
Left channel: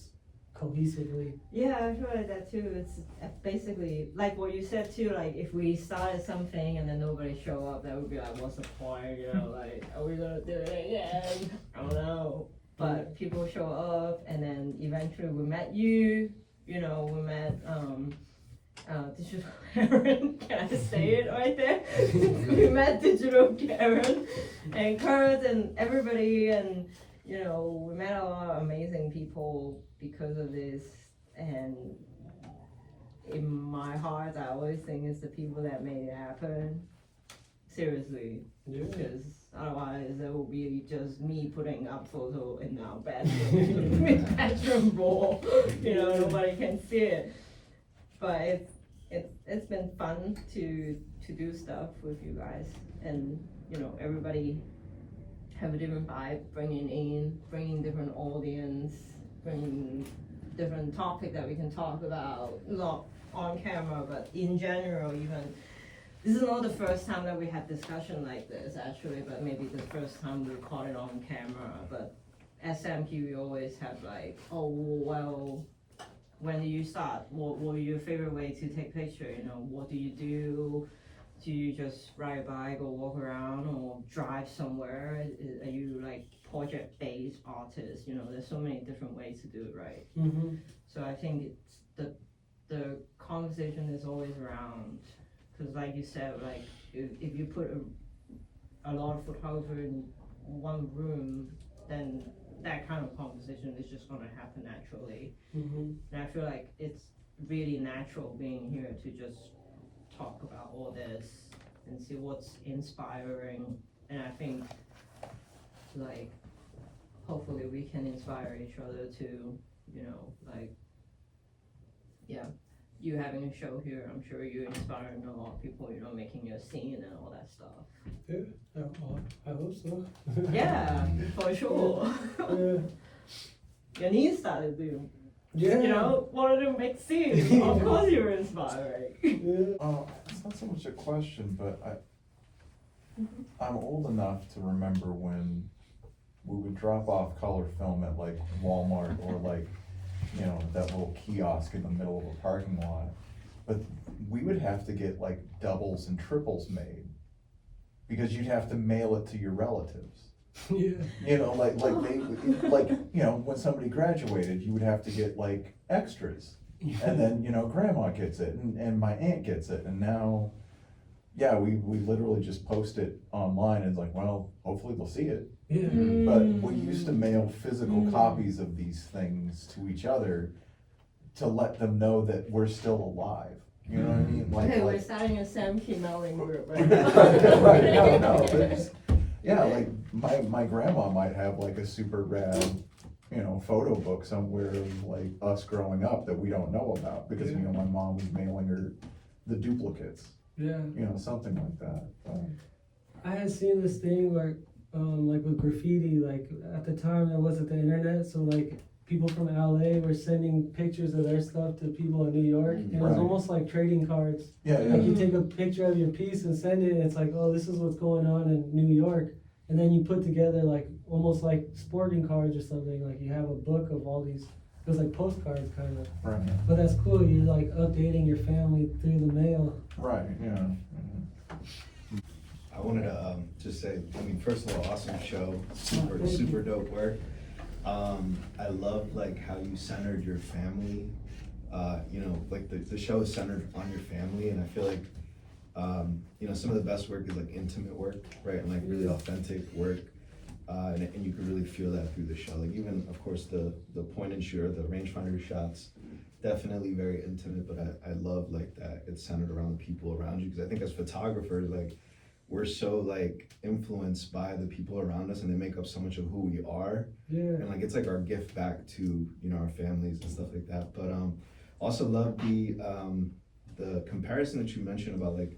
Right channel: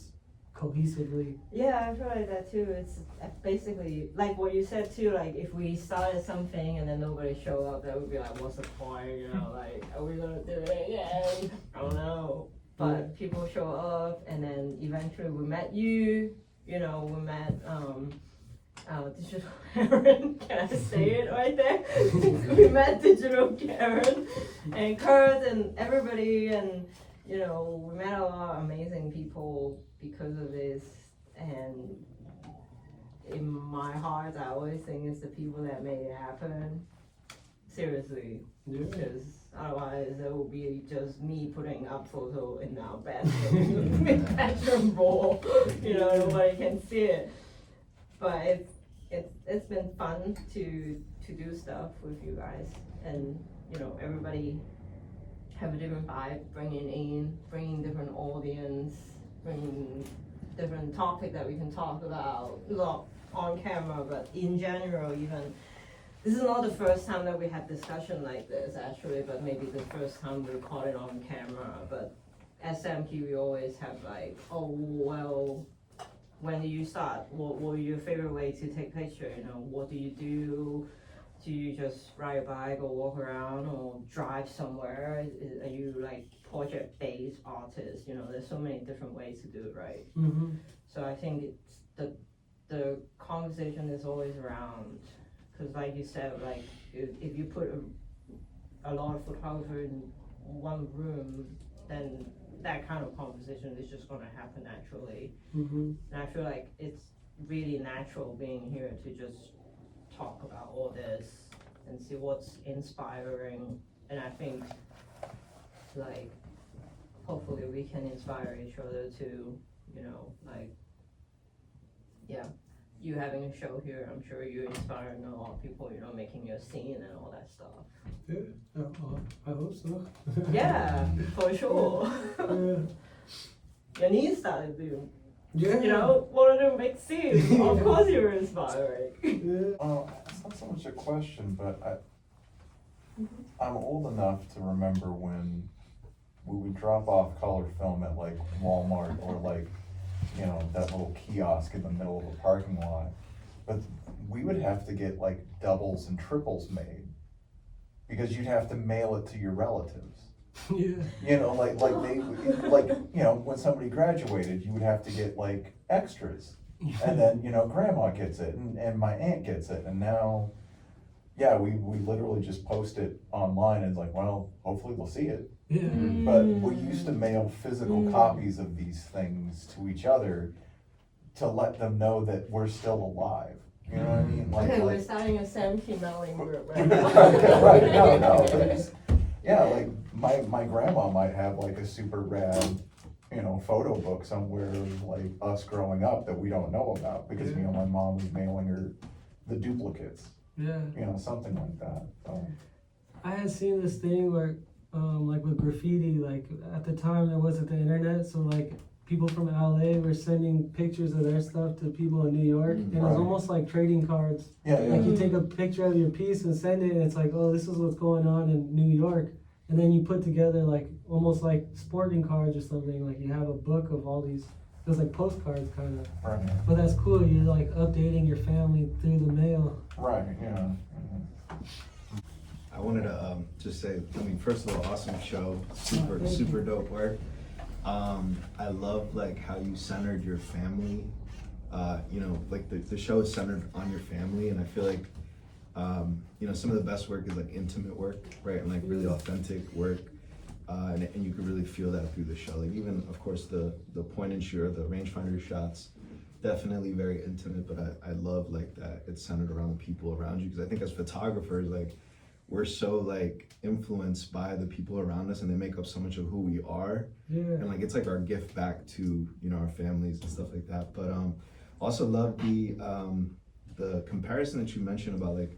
cohesively. Yeah, I feel like that too. It's basically like what you said too, like if we started something and then nobody show up, that would be like, what's the point, you know, like, are we gonna do it again? I don't know. But people show up, and then eventually we met you, you know, we met Digital Karen, can I say it right there? We met Digital Karen and Kurt and everybody, and you know, we met a lot of amazing people because of this. And in my heart, I always think it's the people that made it happen. Seriously, because otherwise it will be just me putting up photo in our bedroom wall. You know, nobody can see it. But it's been fun to do stuff with you guys, and you know, everybody have a different vibe, bringing different audience, bringing different topic that we can talk about, not on camera, but in general. Even this is not the first time that we had discussion like this, actually, but maybe the first time we caught it on camera. But at SMQ, we always have like, oh well, when do you start? What were your favorite way to take picture? You know, what do you do? Do you just ride a bike or walk around or drive somewhere? Are you like project-based artist? You know, there's so many different ways to do it, right? So I think it's the conversation is always around, because like you said, like if you put a lot of photographers in one room, then that kind of conversation is just going to happen naturally. And I feel like it's really natural being here to just talk about all this and see what's inspiring. And I think like hopefully we can inspire each other to, you know, like, yeah, you having a show here, I'm sure you're inspiring a lot of people, you know, making your scene and all that stuff. Yeah, I hope so. Yeah, for sure. Your niece started to, you know, wanted to make scenes. Of course you were inspiring. It's not so much a question, but I'm old enough to remember when we would drop off color film at like Walmart or like, you know, that little kiosk in the middle of a parking lot. But we would have to get like doubles and triples made, because you'd have to mail it to your relatives. You know, like they, like, you know, when somebody graduated, you would have to get like extras, and then, you know, grandma gets it, and my aunt gets it, and now, yeah, we literally just post it online, and it's like, well, hopefully they'll see it. But we used to mail physical copies of these things to each other to let them know that we're still alive. You know what I mean? Like, okay, we're starting a Sam Key mailing group right now. Right, no, but it's, yeah, like my grandma might have like a super rad, you know, photo book somewhere of like us growing up that we don't know about, because, you know, my mom was mailing her the duplicates. You know, something like that. I had seen this thing where, like with graffiti, like at the time there wasn't the internet, so like people from LA were sending pictures of their stuff to people in New York. It was almost like trading cards. Like you take a picture of your piece and send it, and it's like, oh, this is what's going on in New York. And then you put together like almost like sporting cards or something. Like you have a book of all these. It was like postcards kind of. But that's cool. You're like updating your family through the mail. I wanted to just say, I mean, first of all, awesome show, super dope work. I love like how you centered your family. You know, like the show is centered on your family, and I feel like you know, some of the best work is like intimate work, right? And like really authentic work. And you can really feel that through the show. Like even, of course, the point and shoot, the rangefinder shots, definitely very intimate, but I love like that it's centered around the people around you, because I think as photographers, like we're so like influenced by the people around us, and they make up so much of who we are. Yeah. And like it's like our gift back to, you know, our families and stuff like that. But also love the comparison that you mentioned about like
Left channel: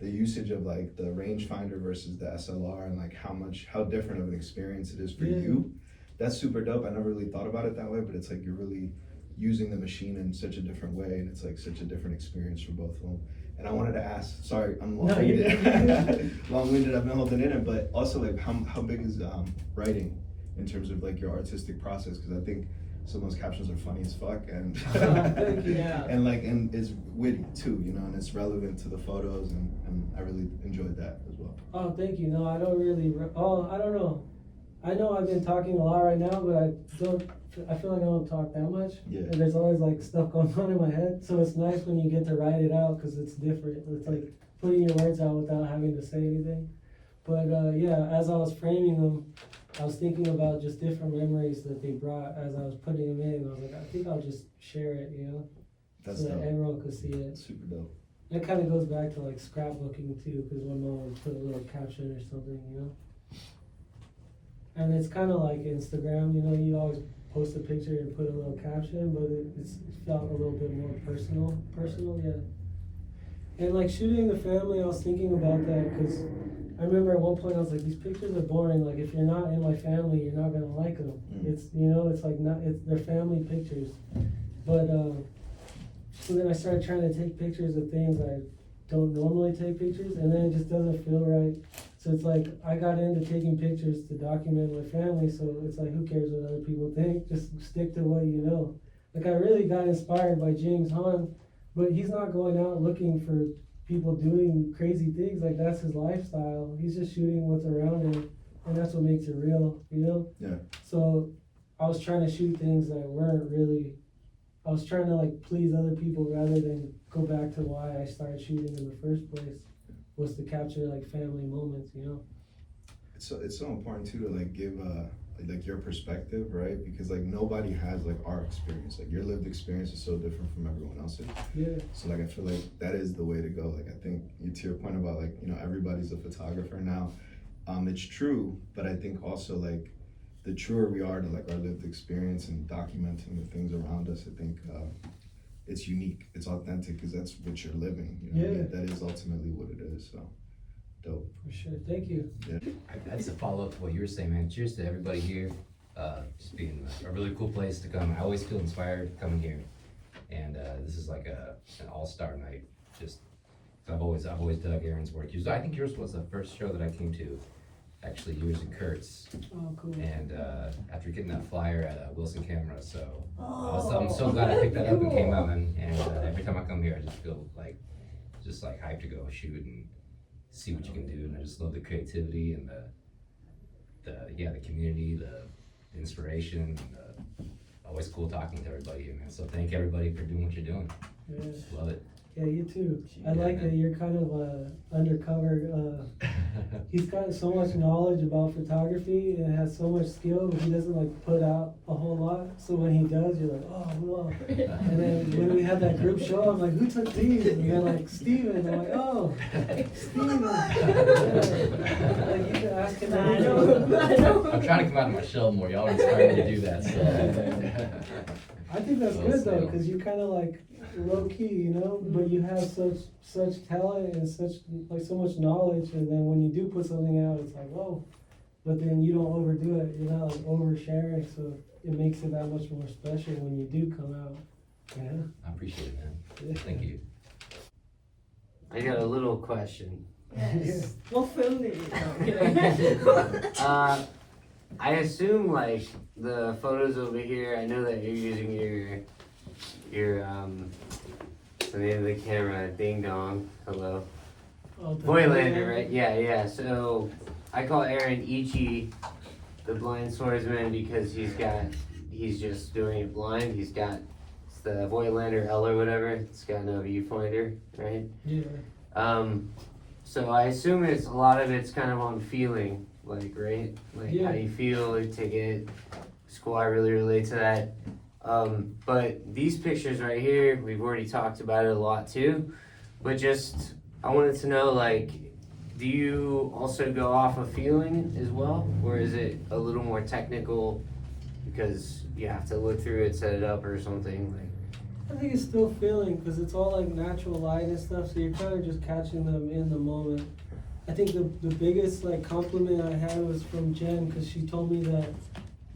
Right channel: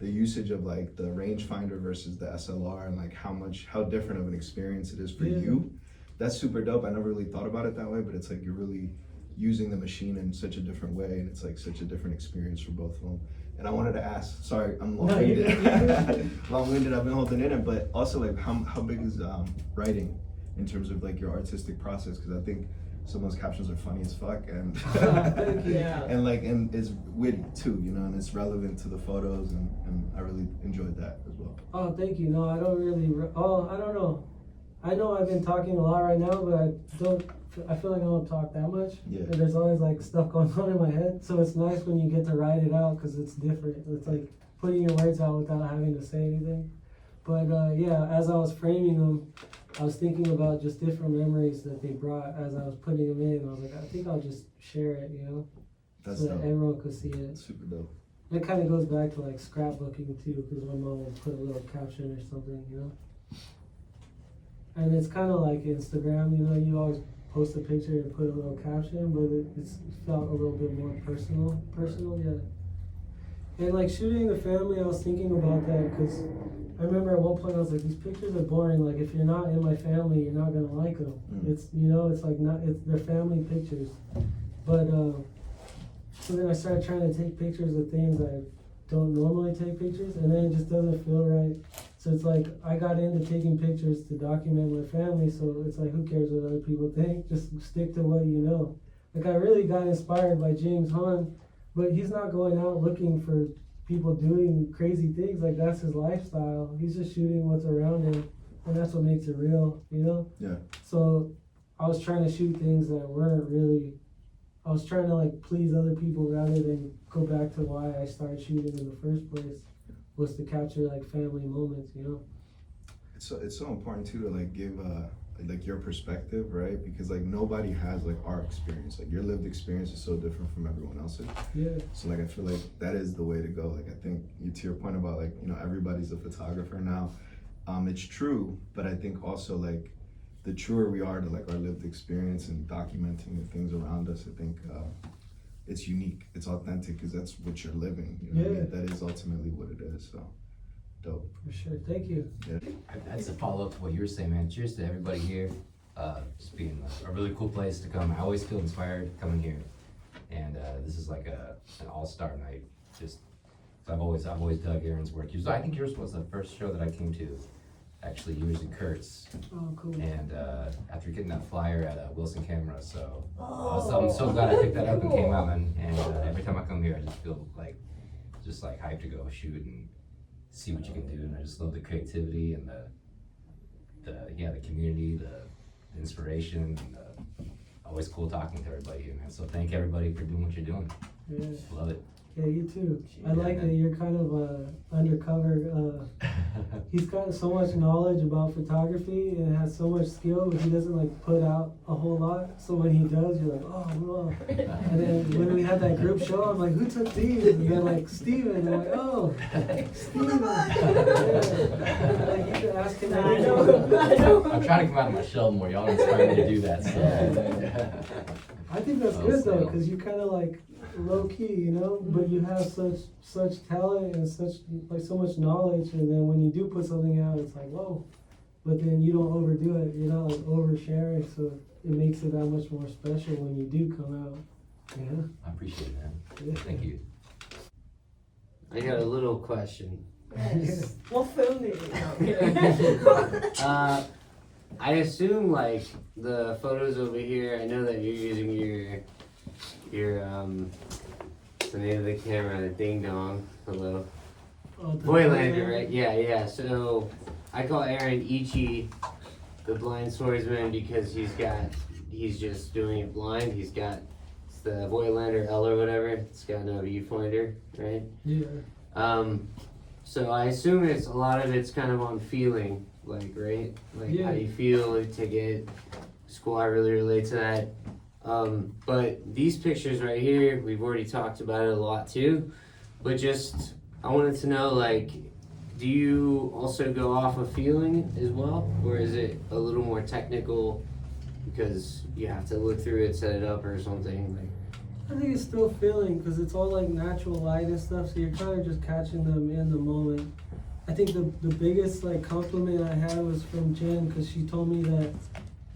the usage of like the rangefinder versus the SLR, and like how different of an experience it is for you. That's super dope. I never really thought about it that way, but it's like you're really using the machine in such a different way, and it's like such a different experience for both of them. And I wanted to ask, sorry, I'm long-winded. Long-winded, I've been holding it in, but also like how big is writing in terms of like your artistic process? Because I think some of those captions are funny as fuck, and Yeah. and it's witty too, you know, and it's relevant to the photos, and I really enjoyed that as well. Oh, thank you. No, I don't really. I don't know. I know I've been talking a lot right now, but I feel like I don't talk that much. Yeah. And there's always like stuff going on in my head, so it's nice when you get to write it out because it's different. It's like putting your words out without having to say anything. But yeah, as I was framing them, I was thinking about just different memories that they brought as I was putting them in. I was like, I think I'll just share it, you know, That's so that dope. everyone could see it. Super dope. That kind of goes back to like scrapbooking too, because my mom would put a little caption or something, you know. And it's kind of like Instagram, you know, you always post a picture and put a little caption, but it felt a little bit more personal, yeah. And like shooting the family, I was thinking about that because I remember at one point I was like, these pictures are boring. Like if you're not in my family, you're not gonna like them. It's, you know, it's like they're family pictures. But so then I started trying to take pictures of things I don't normally take pictures, and then it just doesn't feel right. So it's like I got into taking pictures to document my family. So it's like, who cares what other people think? Just stick to what you know. Like I really got inspired by James Hahn, but he's not going out looking for people doing crazy things. Like that's his lifestyle. He's just shooting what's around him, and that's what makes it real, you know? Yeah. So I was trying to shoot things that weren't really, I was trying to like please other people rather than go back to why I started shooting in the first place, was to capture like family moments, you know? It's so important too to like give like your perspective, right? Because like nobody has like our experience. Like your lived experience is so different from everyone else's. Yeah. So like I feel like that is the way to go. Like I think to your point about like, you know, everybody's a photographer now. It's true, but I think also like the truer we are to like our lived experience and documenting the things around us, I think it's unique, it's authentic, because that's what you're living. You know, that is ultimately what it is. So dope. For sure. Thank you. Yeah. That's a follow up to what you were saying, man. Cheers to everybody here. Just being a really cool place to come. I always feel inspired coming here, and this is like an all-star night. Just I've always dug Airen's work. I think yours was the first show that I came to. Actually, yours and Kurt's. Oh, cool. And after getting that flyer at Wilson Camera, so I'm so glad I picked that up and came out, and every time I come here, I just feel like hyped to go shoot and see what you can do. And I just love the creativity and the community, the inspiration, and always cool talking to everybody here, man. So thank everybody for doing what you're doing. Yeah. Love it. Yeah, you too. I Yeah, like man. that you're kind of undercover. He's got so much knowledge about photography and has so much skill, but he doesn't like put out a whole lot. So when he does, you're like, oh, well. And then when we had that group show, I'm like, who took these? And they're like, Steven. And I'm like, oh, Steven. Like, you can ask him. I know. I'm trying to come out of my shell more. Y'all inspire me to do that. So. I think that's Well good though, said. because you're kind of like low key, you know, but you have such talent and so much knowledge, and then when you do put something out, it's like, whoa. But then you don't overdo it, you're not like oversharing, so it makes it that much more special when you do come out. Yeah. I appreciate it, man. Yeah. Thank you. I got a little question. Yes. We'll film it. No, I assume like the photos over here, I know that you're using your the name of the camera, Ding Dong, hello. Oh, the Voigtlander, right? Yeah. So I call Airen Ichi the blind swordsman because he's just doing it blind. He's got the Voigtland or L or whatever. It's got no viewfinder, right? Yeah. So I assume it's a lot of it's kind of on feeling, like, right? Like Yeah. how you feel, take it. School, I really relate to that. But these pictures right here, we've already talked about it a lot too. But just, I wanted to know, like, do you also go off of feeling as well? Or is it a little more technical because you have to look through it, set it up or something? Like, I think it's still feeling because it's all like natural light and stuff, so you're kind of just catching them in the moment. I think the biggest like compliment I have is from Jen because she told me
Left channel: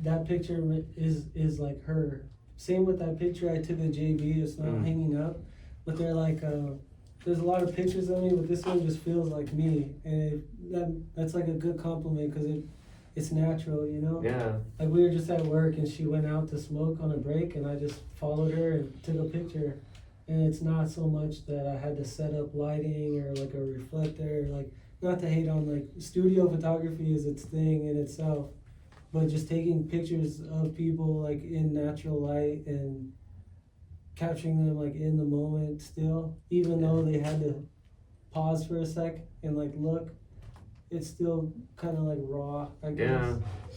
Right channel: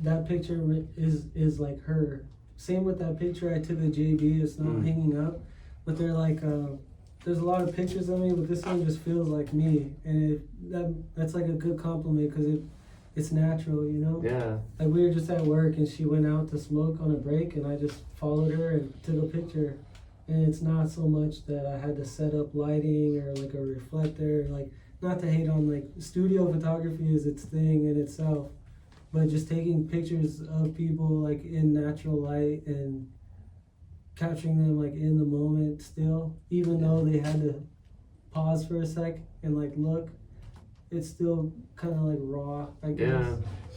that picture is like her. Same with that picture I took at JB. It's not hanging up, but they're like there's a lot of pictures of me, but this one just feels like me, and that's like a good compliment because it's natural, you know? yeah. Like we were just at work and she went out to smoke on a break and I just followed her and took a picture. And it's not so much that I had to set up lighting or like a reflector, like not to hate on like studio photography is its thing in itself, but just taking pictures of people like in natural light and capturing them like in the moment still, even though they had to pause for a sec and like look. It's still kind of like raw, I guess. Yeah,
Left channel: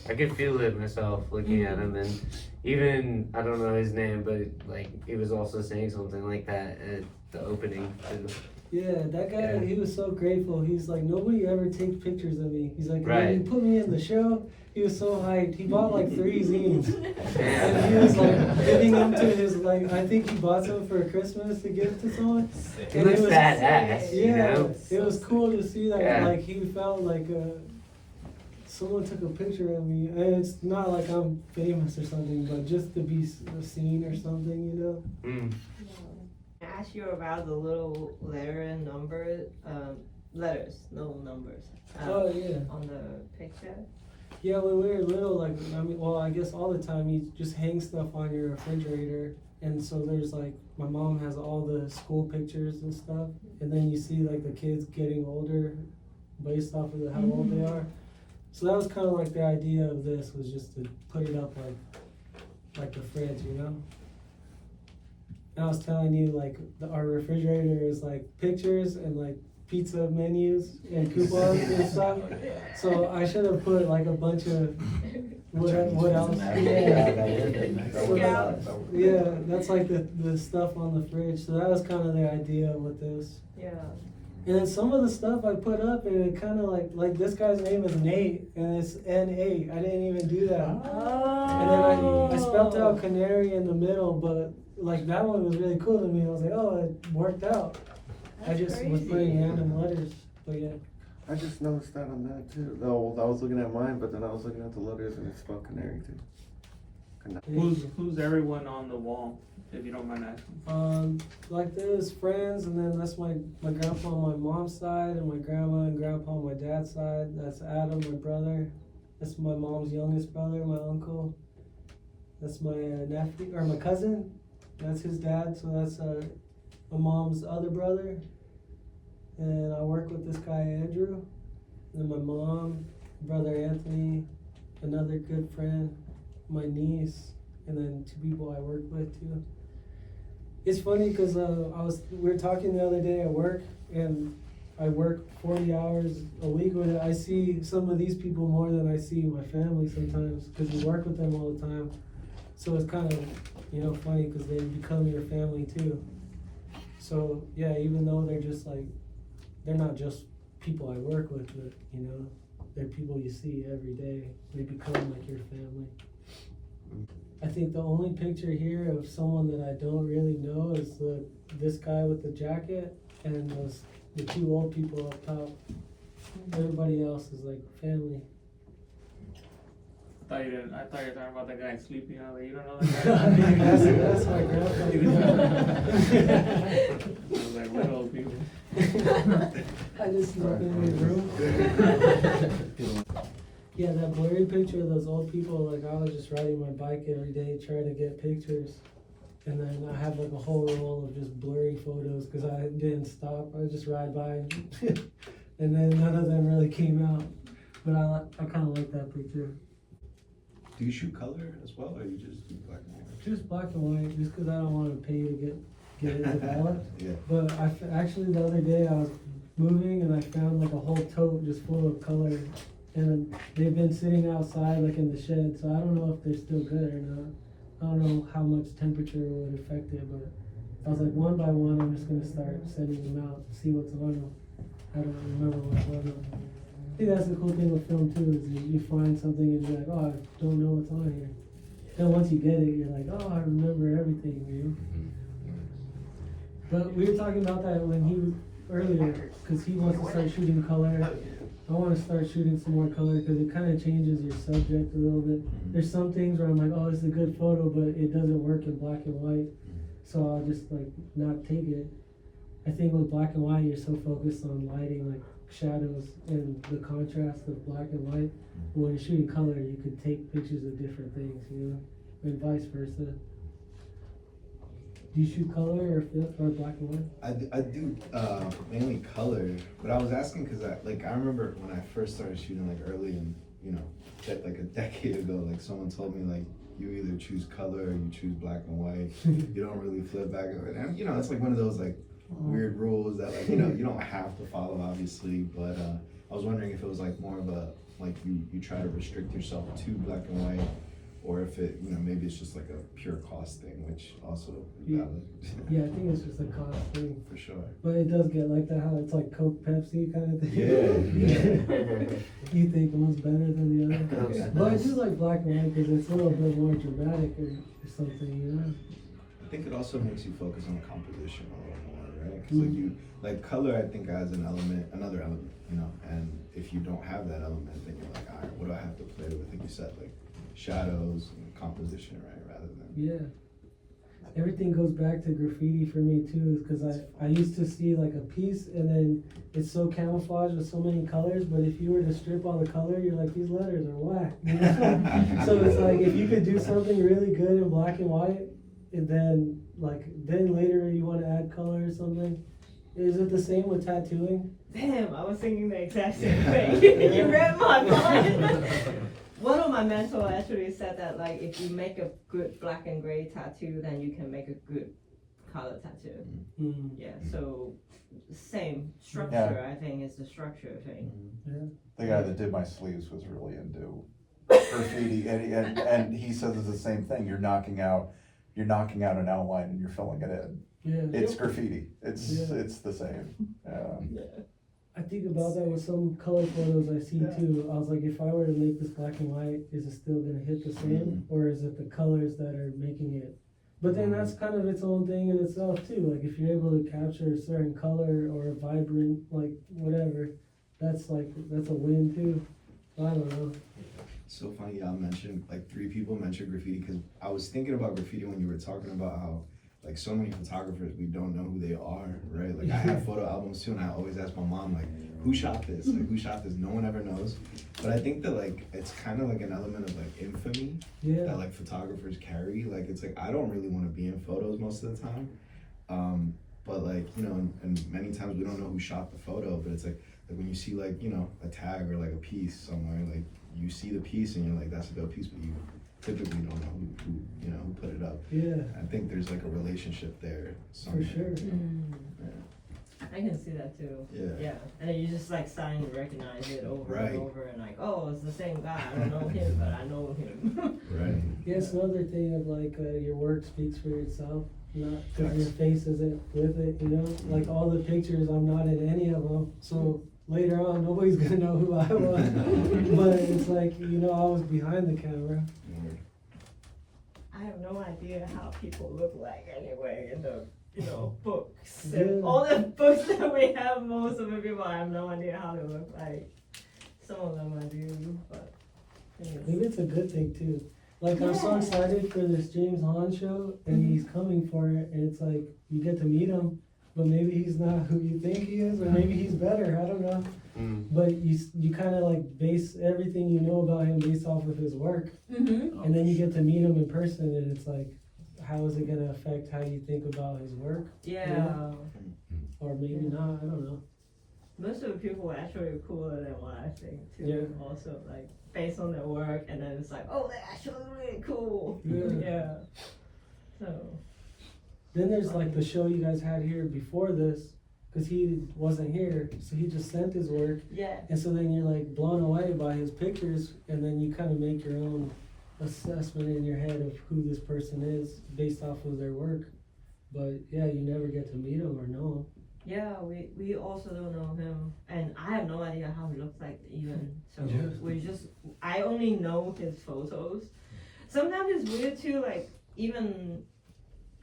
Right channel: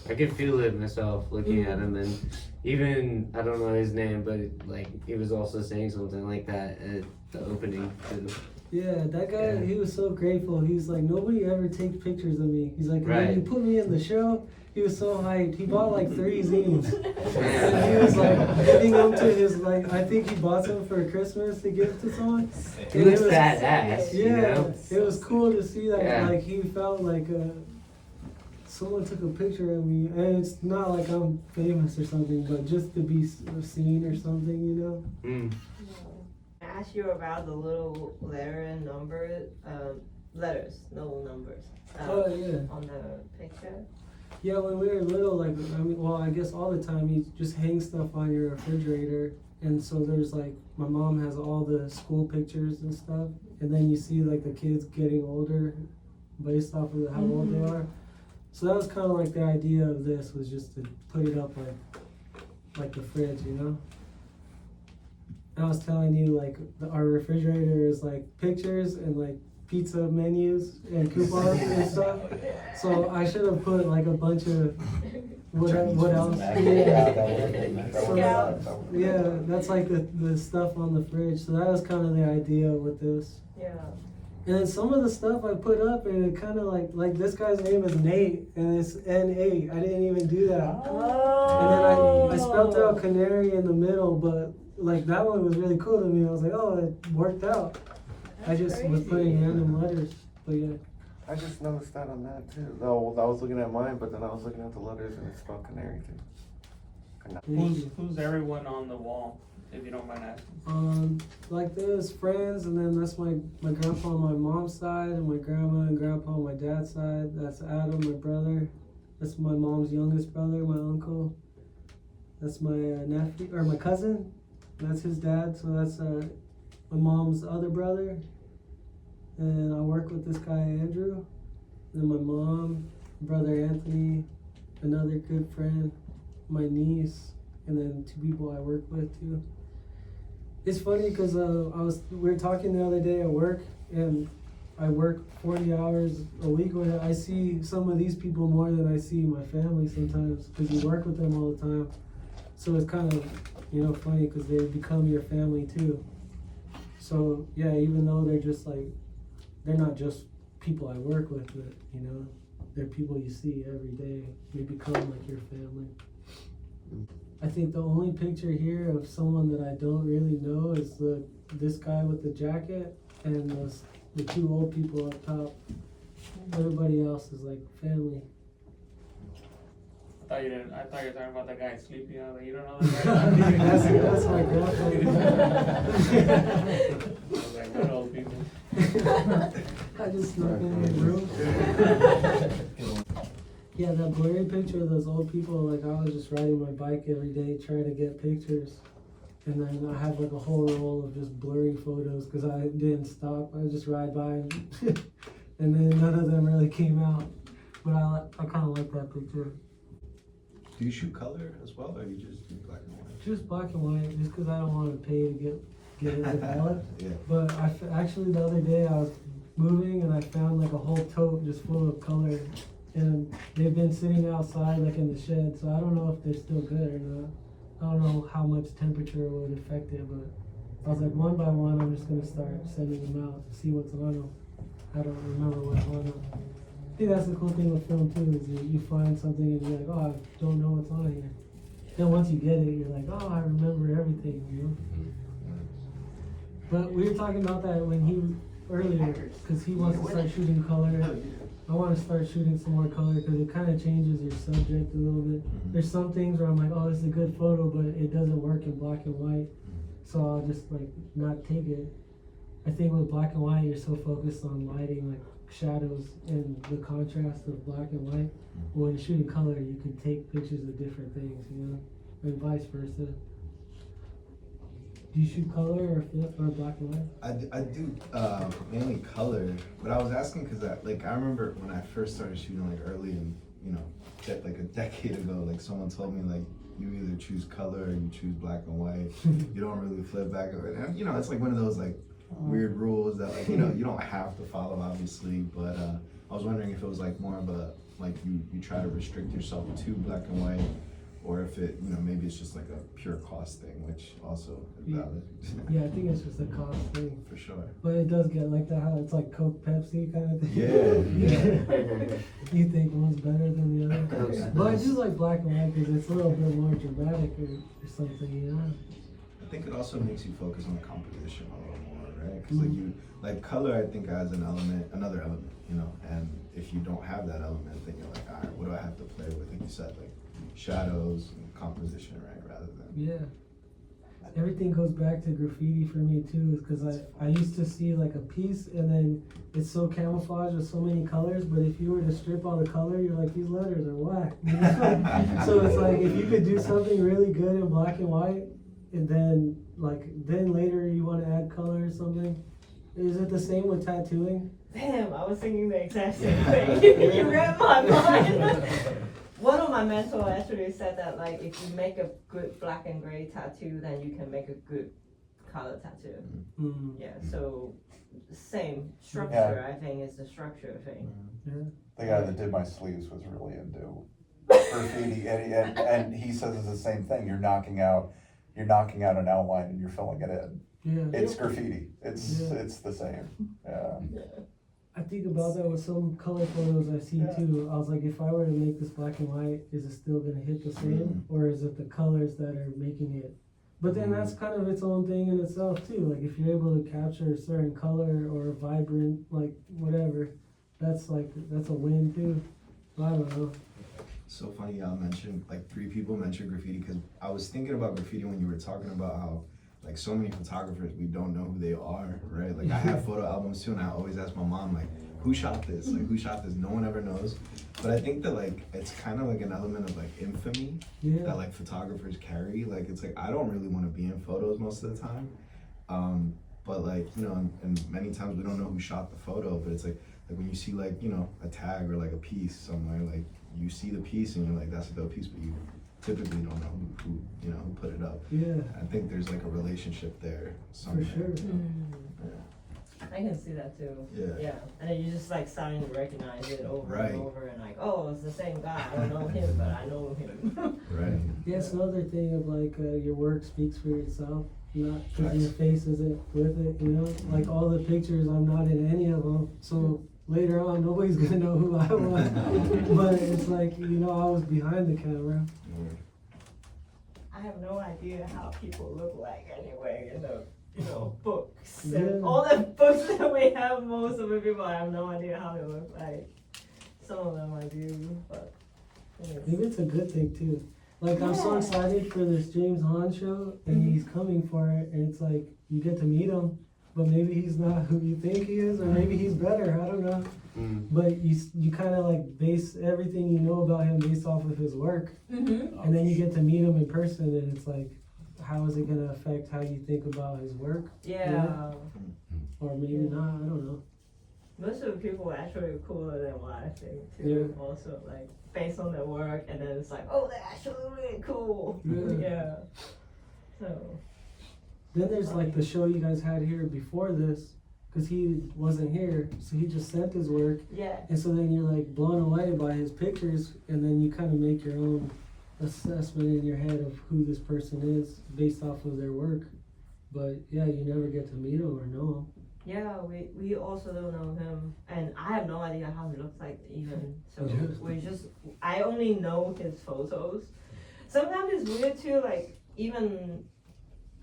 I could feel it myself looking at him, and even I don't know his name, but like he was also saying something like that at the opening too. Yeah, that guy, Yeah. he was so grateful. He's like, nobody ever takes pictures of me. He's like, Right. when you put me in the show, he was so hyped. He bought like 3 zines. And he was like putting them to his, like, I think he bought them for Christmas to give to someone. He And looks it was- badass, you Yeah, know? it was cool to see that. Yeah. Like, he felt like someone took a picture of me. And it's not like I'm famous or something, but just to be seen or something, you know? Mm. I asked you about the little letter and number, letters, no numbers, Oh, yeah. on the picture. Yeah, when we were little, like, I mean, well, I guess all the time you just hang stuff on your refrigerator. And so there's like, my mom has all the school pictures and stuff. And then you see like the kids getting older based off of how old they are. So that was kind of like the idea of this, was just to put it up like the fridge, you know? And I was telling you, like, our refrigerator is like pictures and like pizza menus and coupons and stuff. So I should have put like a bunch of what else? Yeah, that's like the stuff on the fridge. So that was kind of the idea with this. Yeah. And then some of the stuff I put up, and it kind of like this guy's name is Nate, and it's N-A. I didn't even do that. And then I spelled out Canary in the middle, but like that one was really cool to me. I was like, oh, it worked out. I just was putting random letters, but yeah. I just noticed that on that too. No, I was looking at mine, but then I was looking at the letters and it's spelled Canary too. Who's everyone on the wall, if you don't mind asking? Like there's friends, and then that's my grandpa on my mom's side, and my grandma and grandpa on my dad's side. That's Adam, my brother. That's my mom's youngest brother, my uncle. That's my nephew, or my cousin. That's his dad, so that's my mom's other brother. And I work with this guy, Andrew. And then my mom, brother Anthony, another good friend, my niece, and then 2 people I work with too. It's funny because we were talking the other day at work, and I work 40 hours a week with. I see some of these people more than I see my family sometimes because you work with them all the time. So it's kind of, funny because they become your family too. So yeah, even though they're not just people I work with, but they're people you see every day. They become like your family. I think the only picture here of someone that I don't really know is this guy with the jacket and the 2 old people up top. Everybody else is like family. I thought you were talking about that guy in Sleepy Alley. You don't know that guy? that's my girlfriend. I was like, what old people? I just snuck in the room. Yeah, that blurry picture of those old people, like I was just riding my bike every day trying to get pictures. And then I have like a whole roll of just blurry photos because I didn't stop. I would just ride by and then none of them really came out. But I kind of like that picture. Do you shoot color as well, or you just do black and white? Just black and white, just because I don't want to pay to get it developed. Yeah. But actually the other day I was moving and I found like a whole tote just full of color, and they've been sitting outside like in the shed, so I don't know if they're still good or not. I don't know how much temperature would affect it, but I was like, one by one I'm just gonna start sending them out, see what's on them. I don't remember what's on them. I think that's the cool thing with film too, is you find something and you're like, oh, I don't know what's on here. Then once you get it, you're like, oh, I remember everything, you know? But we were talking about that when earlier, because he wants to start shooting color. I want to start shooting some more color because it kind of changes your subject a little bit. There's some things where I'm like, oh, this is a good photo, but it doesn't work in black and white. So I'll just like not take it. I think with black and white, you're so focused on lighting, like shadows and the contrast of black and white. But when you're shooting color, you could take pictures of different things, you know, and vice versa. Do you shoot color or black and white? I do mainly color, but I was asking because I remember when I first started shooting like early and like a decade ago, like someone told me like you either choose color or you choose black and white. You don't really flip back and forth. And it's like one of those like weird rules that like you don't have to follow obviously, but I was wondering if it was like more of a like you try to restrict yourself to black and white, or if it, maybe it's just like a pure cost thing, which also is valid. Yeah, I think it's just a cost thing. For sure. But it does get like that, how it's like Coke, Pepsi kind of thing. Yeah. You think one's better than the other. But I do like black and white because it's a little bit more dramatic or something, I think it also makes you focus on the composition a little more, right? Because like color, I think adds another element, and if you don't have that element, then you're like, all right, what do I have to play with? Like you said, like shadows and composition, right? Rather than everything goes back to graffiti for me too, is because I used to see like a piece and then it's so camouflaged with so many colors, but if you were to strip all the color, you're like, these letters are whack. So it's like if you could do something really good in black and white, and then later you want to add color or something. Is it the same with tattooing? Damn, I was thinking the exact same thing. You read my mind. One of my mentors actually said that like if you make a good black and gray tattoo, then you can make a good color tattoo. Yeah, so same structure. I think is the structure thing. The guy that did my sleeves was really into graffiti, and he says it's the same thing. You're knocking out an outline and you're filling it in. Yeah. It's graffiti. It's the same. Yeah. I think about that with some color photos I see too. I was like, if I were to make this black and white, is it still gonna hit the same, or is it the colors that are making it? But then that's kind of its own thing in itself too. Like if you're able to capture a certain color or a vibrant, like whatever, that's a win too. I don't know. So funny y'all mentioned, like 3 people mentioned graffiti, because I was thinking about graffiti when you were talking about how like so many photographers, we don't know who they are, right? Like I have photo albums too, and I always ask my mom like, who shot this? Like who shot this? No one ever knows. But I think that like it's kind of like an element of like infamy that like photographers carry. Like it's like I don't really want to be in photos most of the time, but like and many times we don't know who shot the photo. But it's like when you see like a tag or like a piece somewhere, like you see the piece and you're like, that's a dope piece, but you typically don't know who put it up. Yeah. I think there's like a relationship there somewhere. For sure. I can see that too. Yeah. And then you just like starting to recognize it over and over, and like, oh, it's the same guy. I don't know him, but I know him. Right. Yeah, it's another thing of like your work speaks for yourself, not because your face isn't with it. Like all the pictures, I'm not in any of them, so later on nobody's gonna know who I was. But it's like I was behind the camera. I have no idea how people look like anyway in the books. And all the books that we have, most of the people, I have no idea how they look like. Some of them I do, but maybe it's a good thing too. Like I'm so excited for this James Hahn show, and he's coming for it, and it's like you get to meet him, but maybe he's not who you think he is, or maybe he's better. I don't know. But you kind of like base everything you know about him based off of his work, and then you get to meet him in person, and it's like, how is it gonna affect how you think about his work? Yeah. Or maybe not. I don't know. most of the people are actually cooler than what I think too. Also, like based on their work, and then it's like, oh, they're actually really cool. Yeah. So. Then there's like the show you guys had here before this, because he wasn't here, so he just sent his work. Yeah. And so then you're like blown away by his pictures, and then you kind of make your own assessment in your head of who this person is based off of their work. But yeah, you never get to meet him or know him. Yeah, we also don't know him, and I have no idea how he looks like even. So I only know his photos. Sometimes it's weird too, like even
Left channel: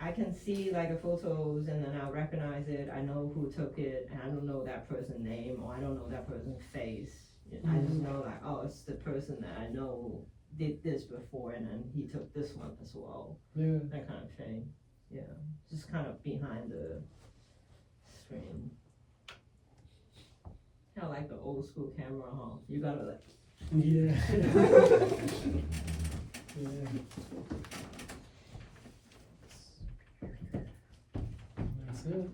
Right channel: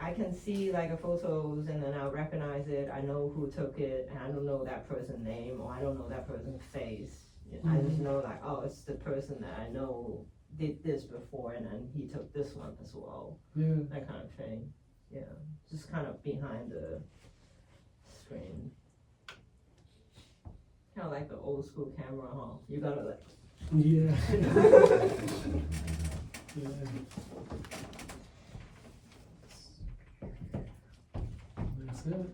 I can see like a photos and then I'll recognize it. I know who took it, and I don't know that person's name or I don't know that person's face. I just know like, oh, it's the person that I know did this before, and then he took this one as well. That kind of thing. Yeah, just kind of behind the screen. Kind of like the old school camera, huh? You gotta like. That's it.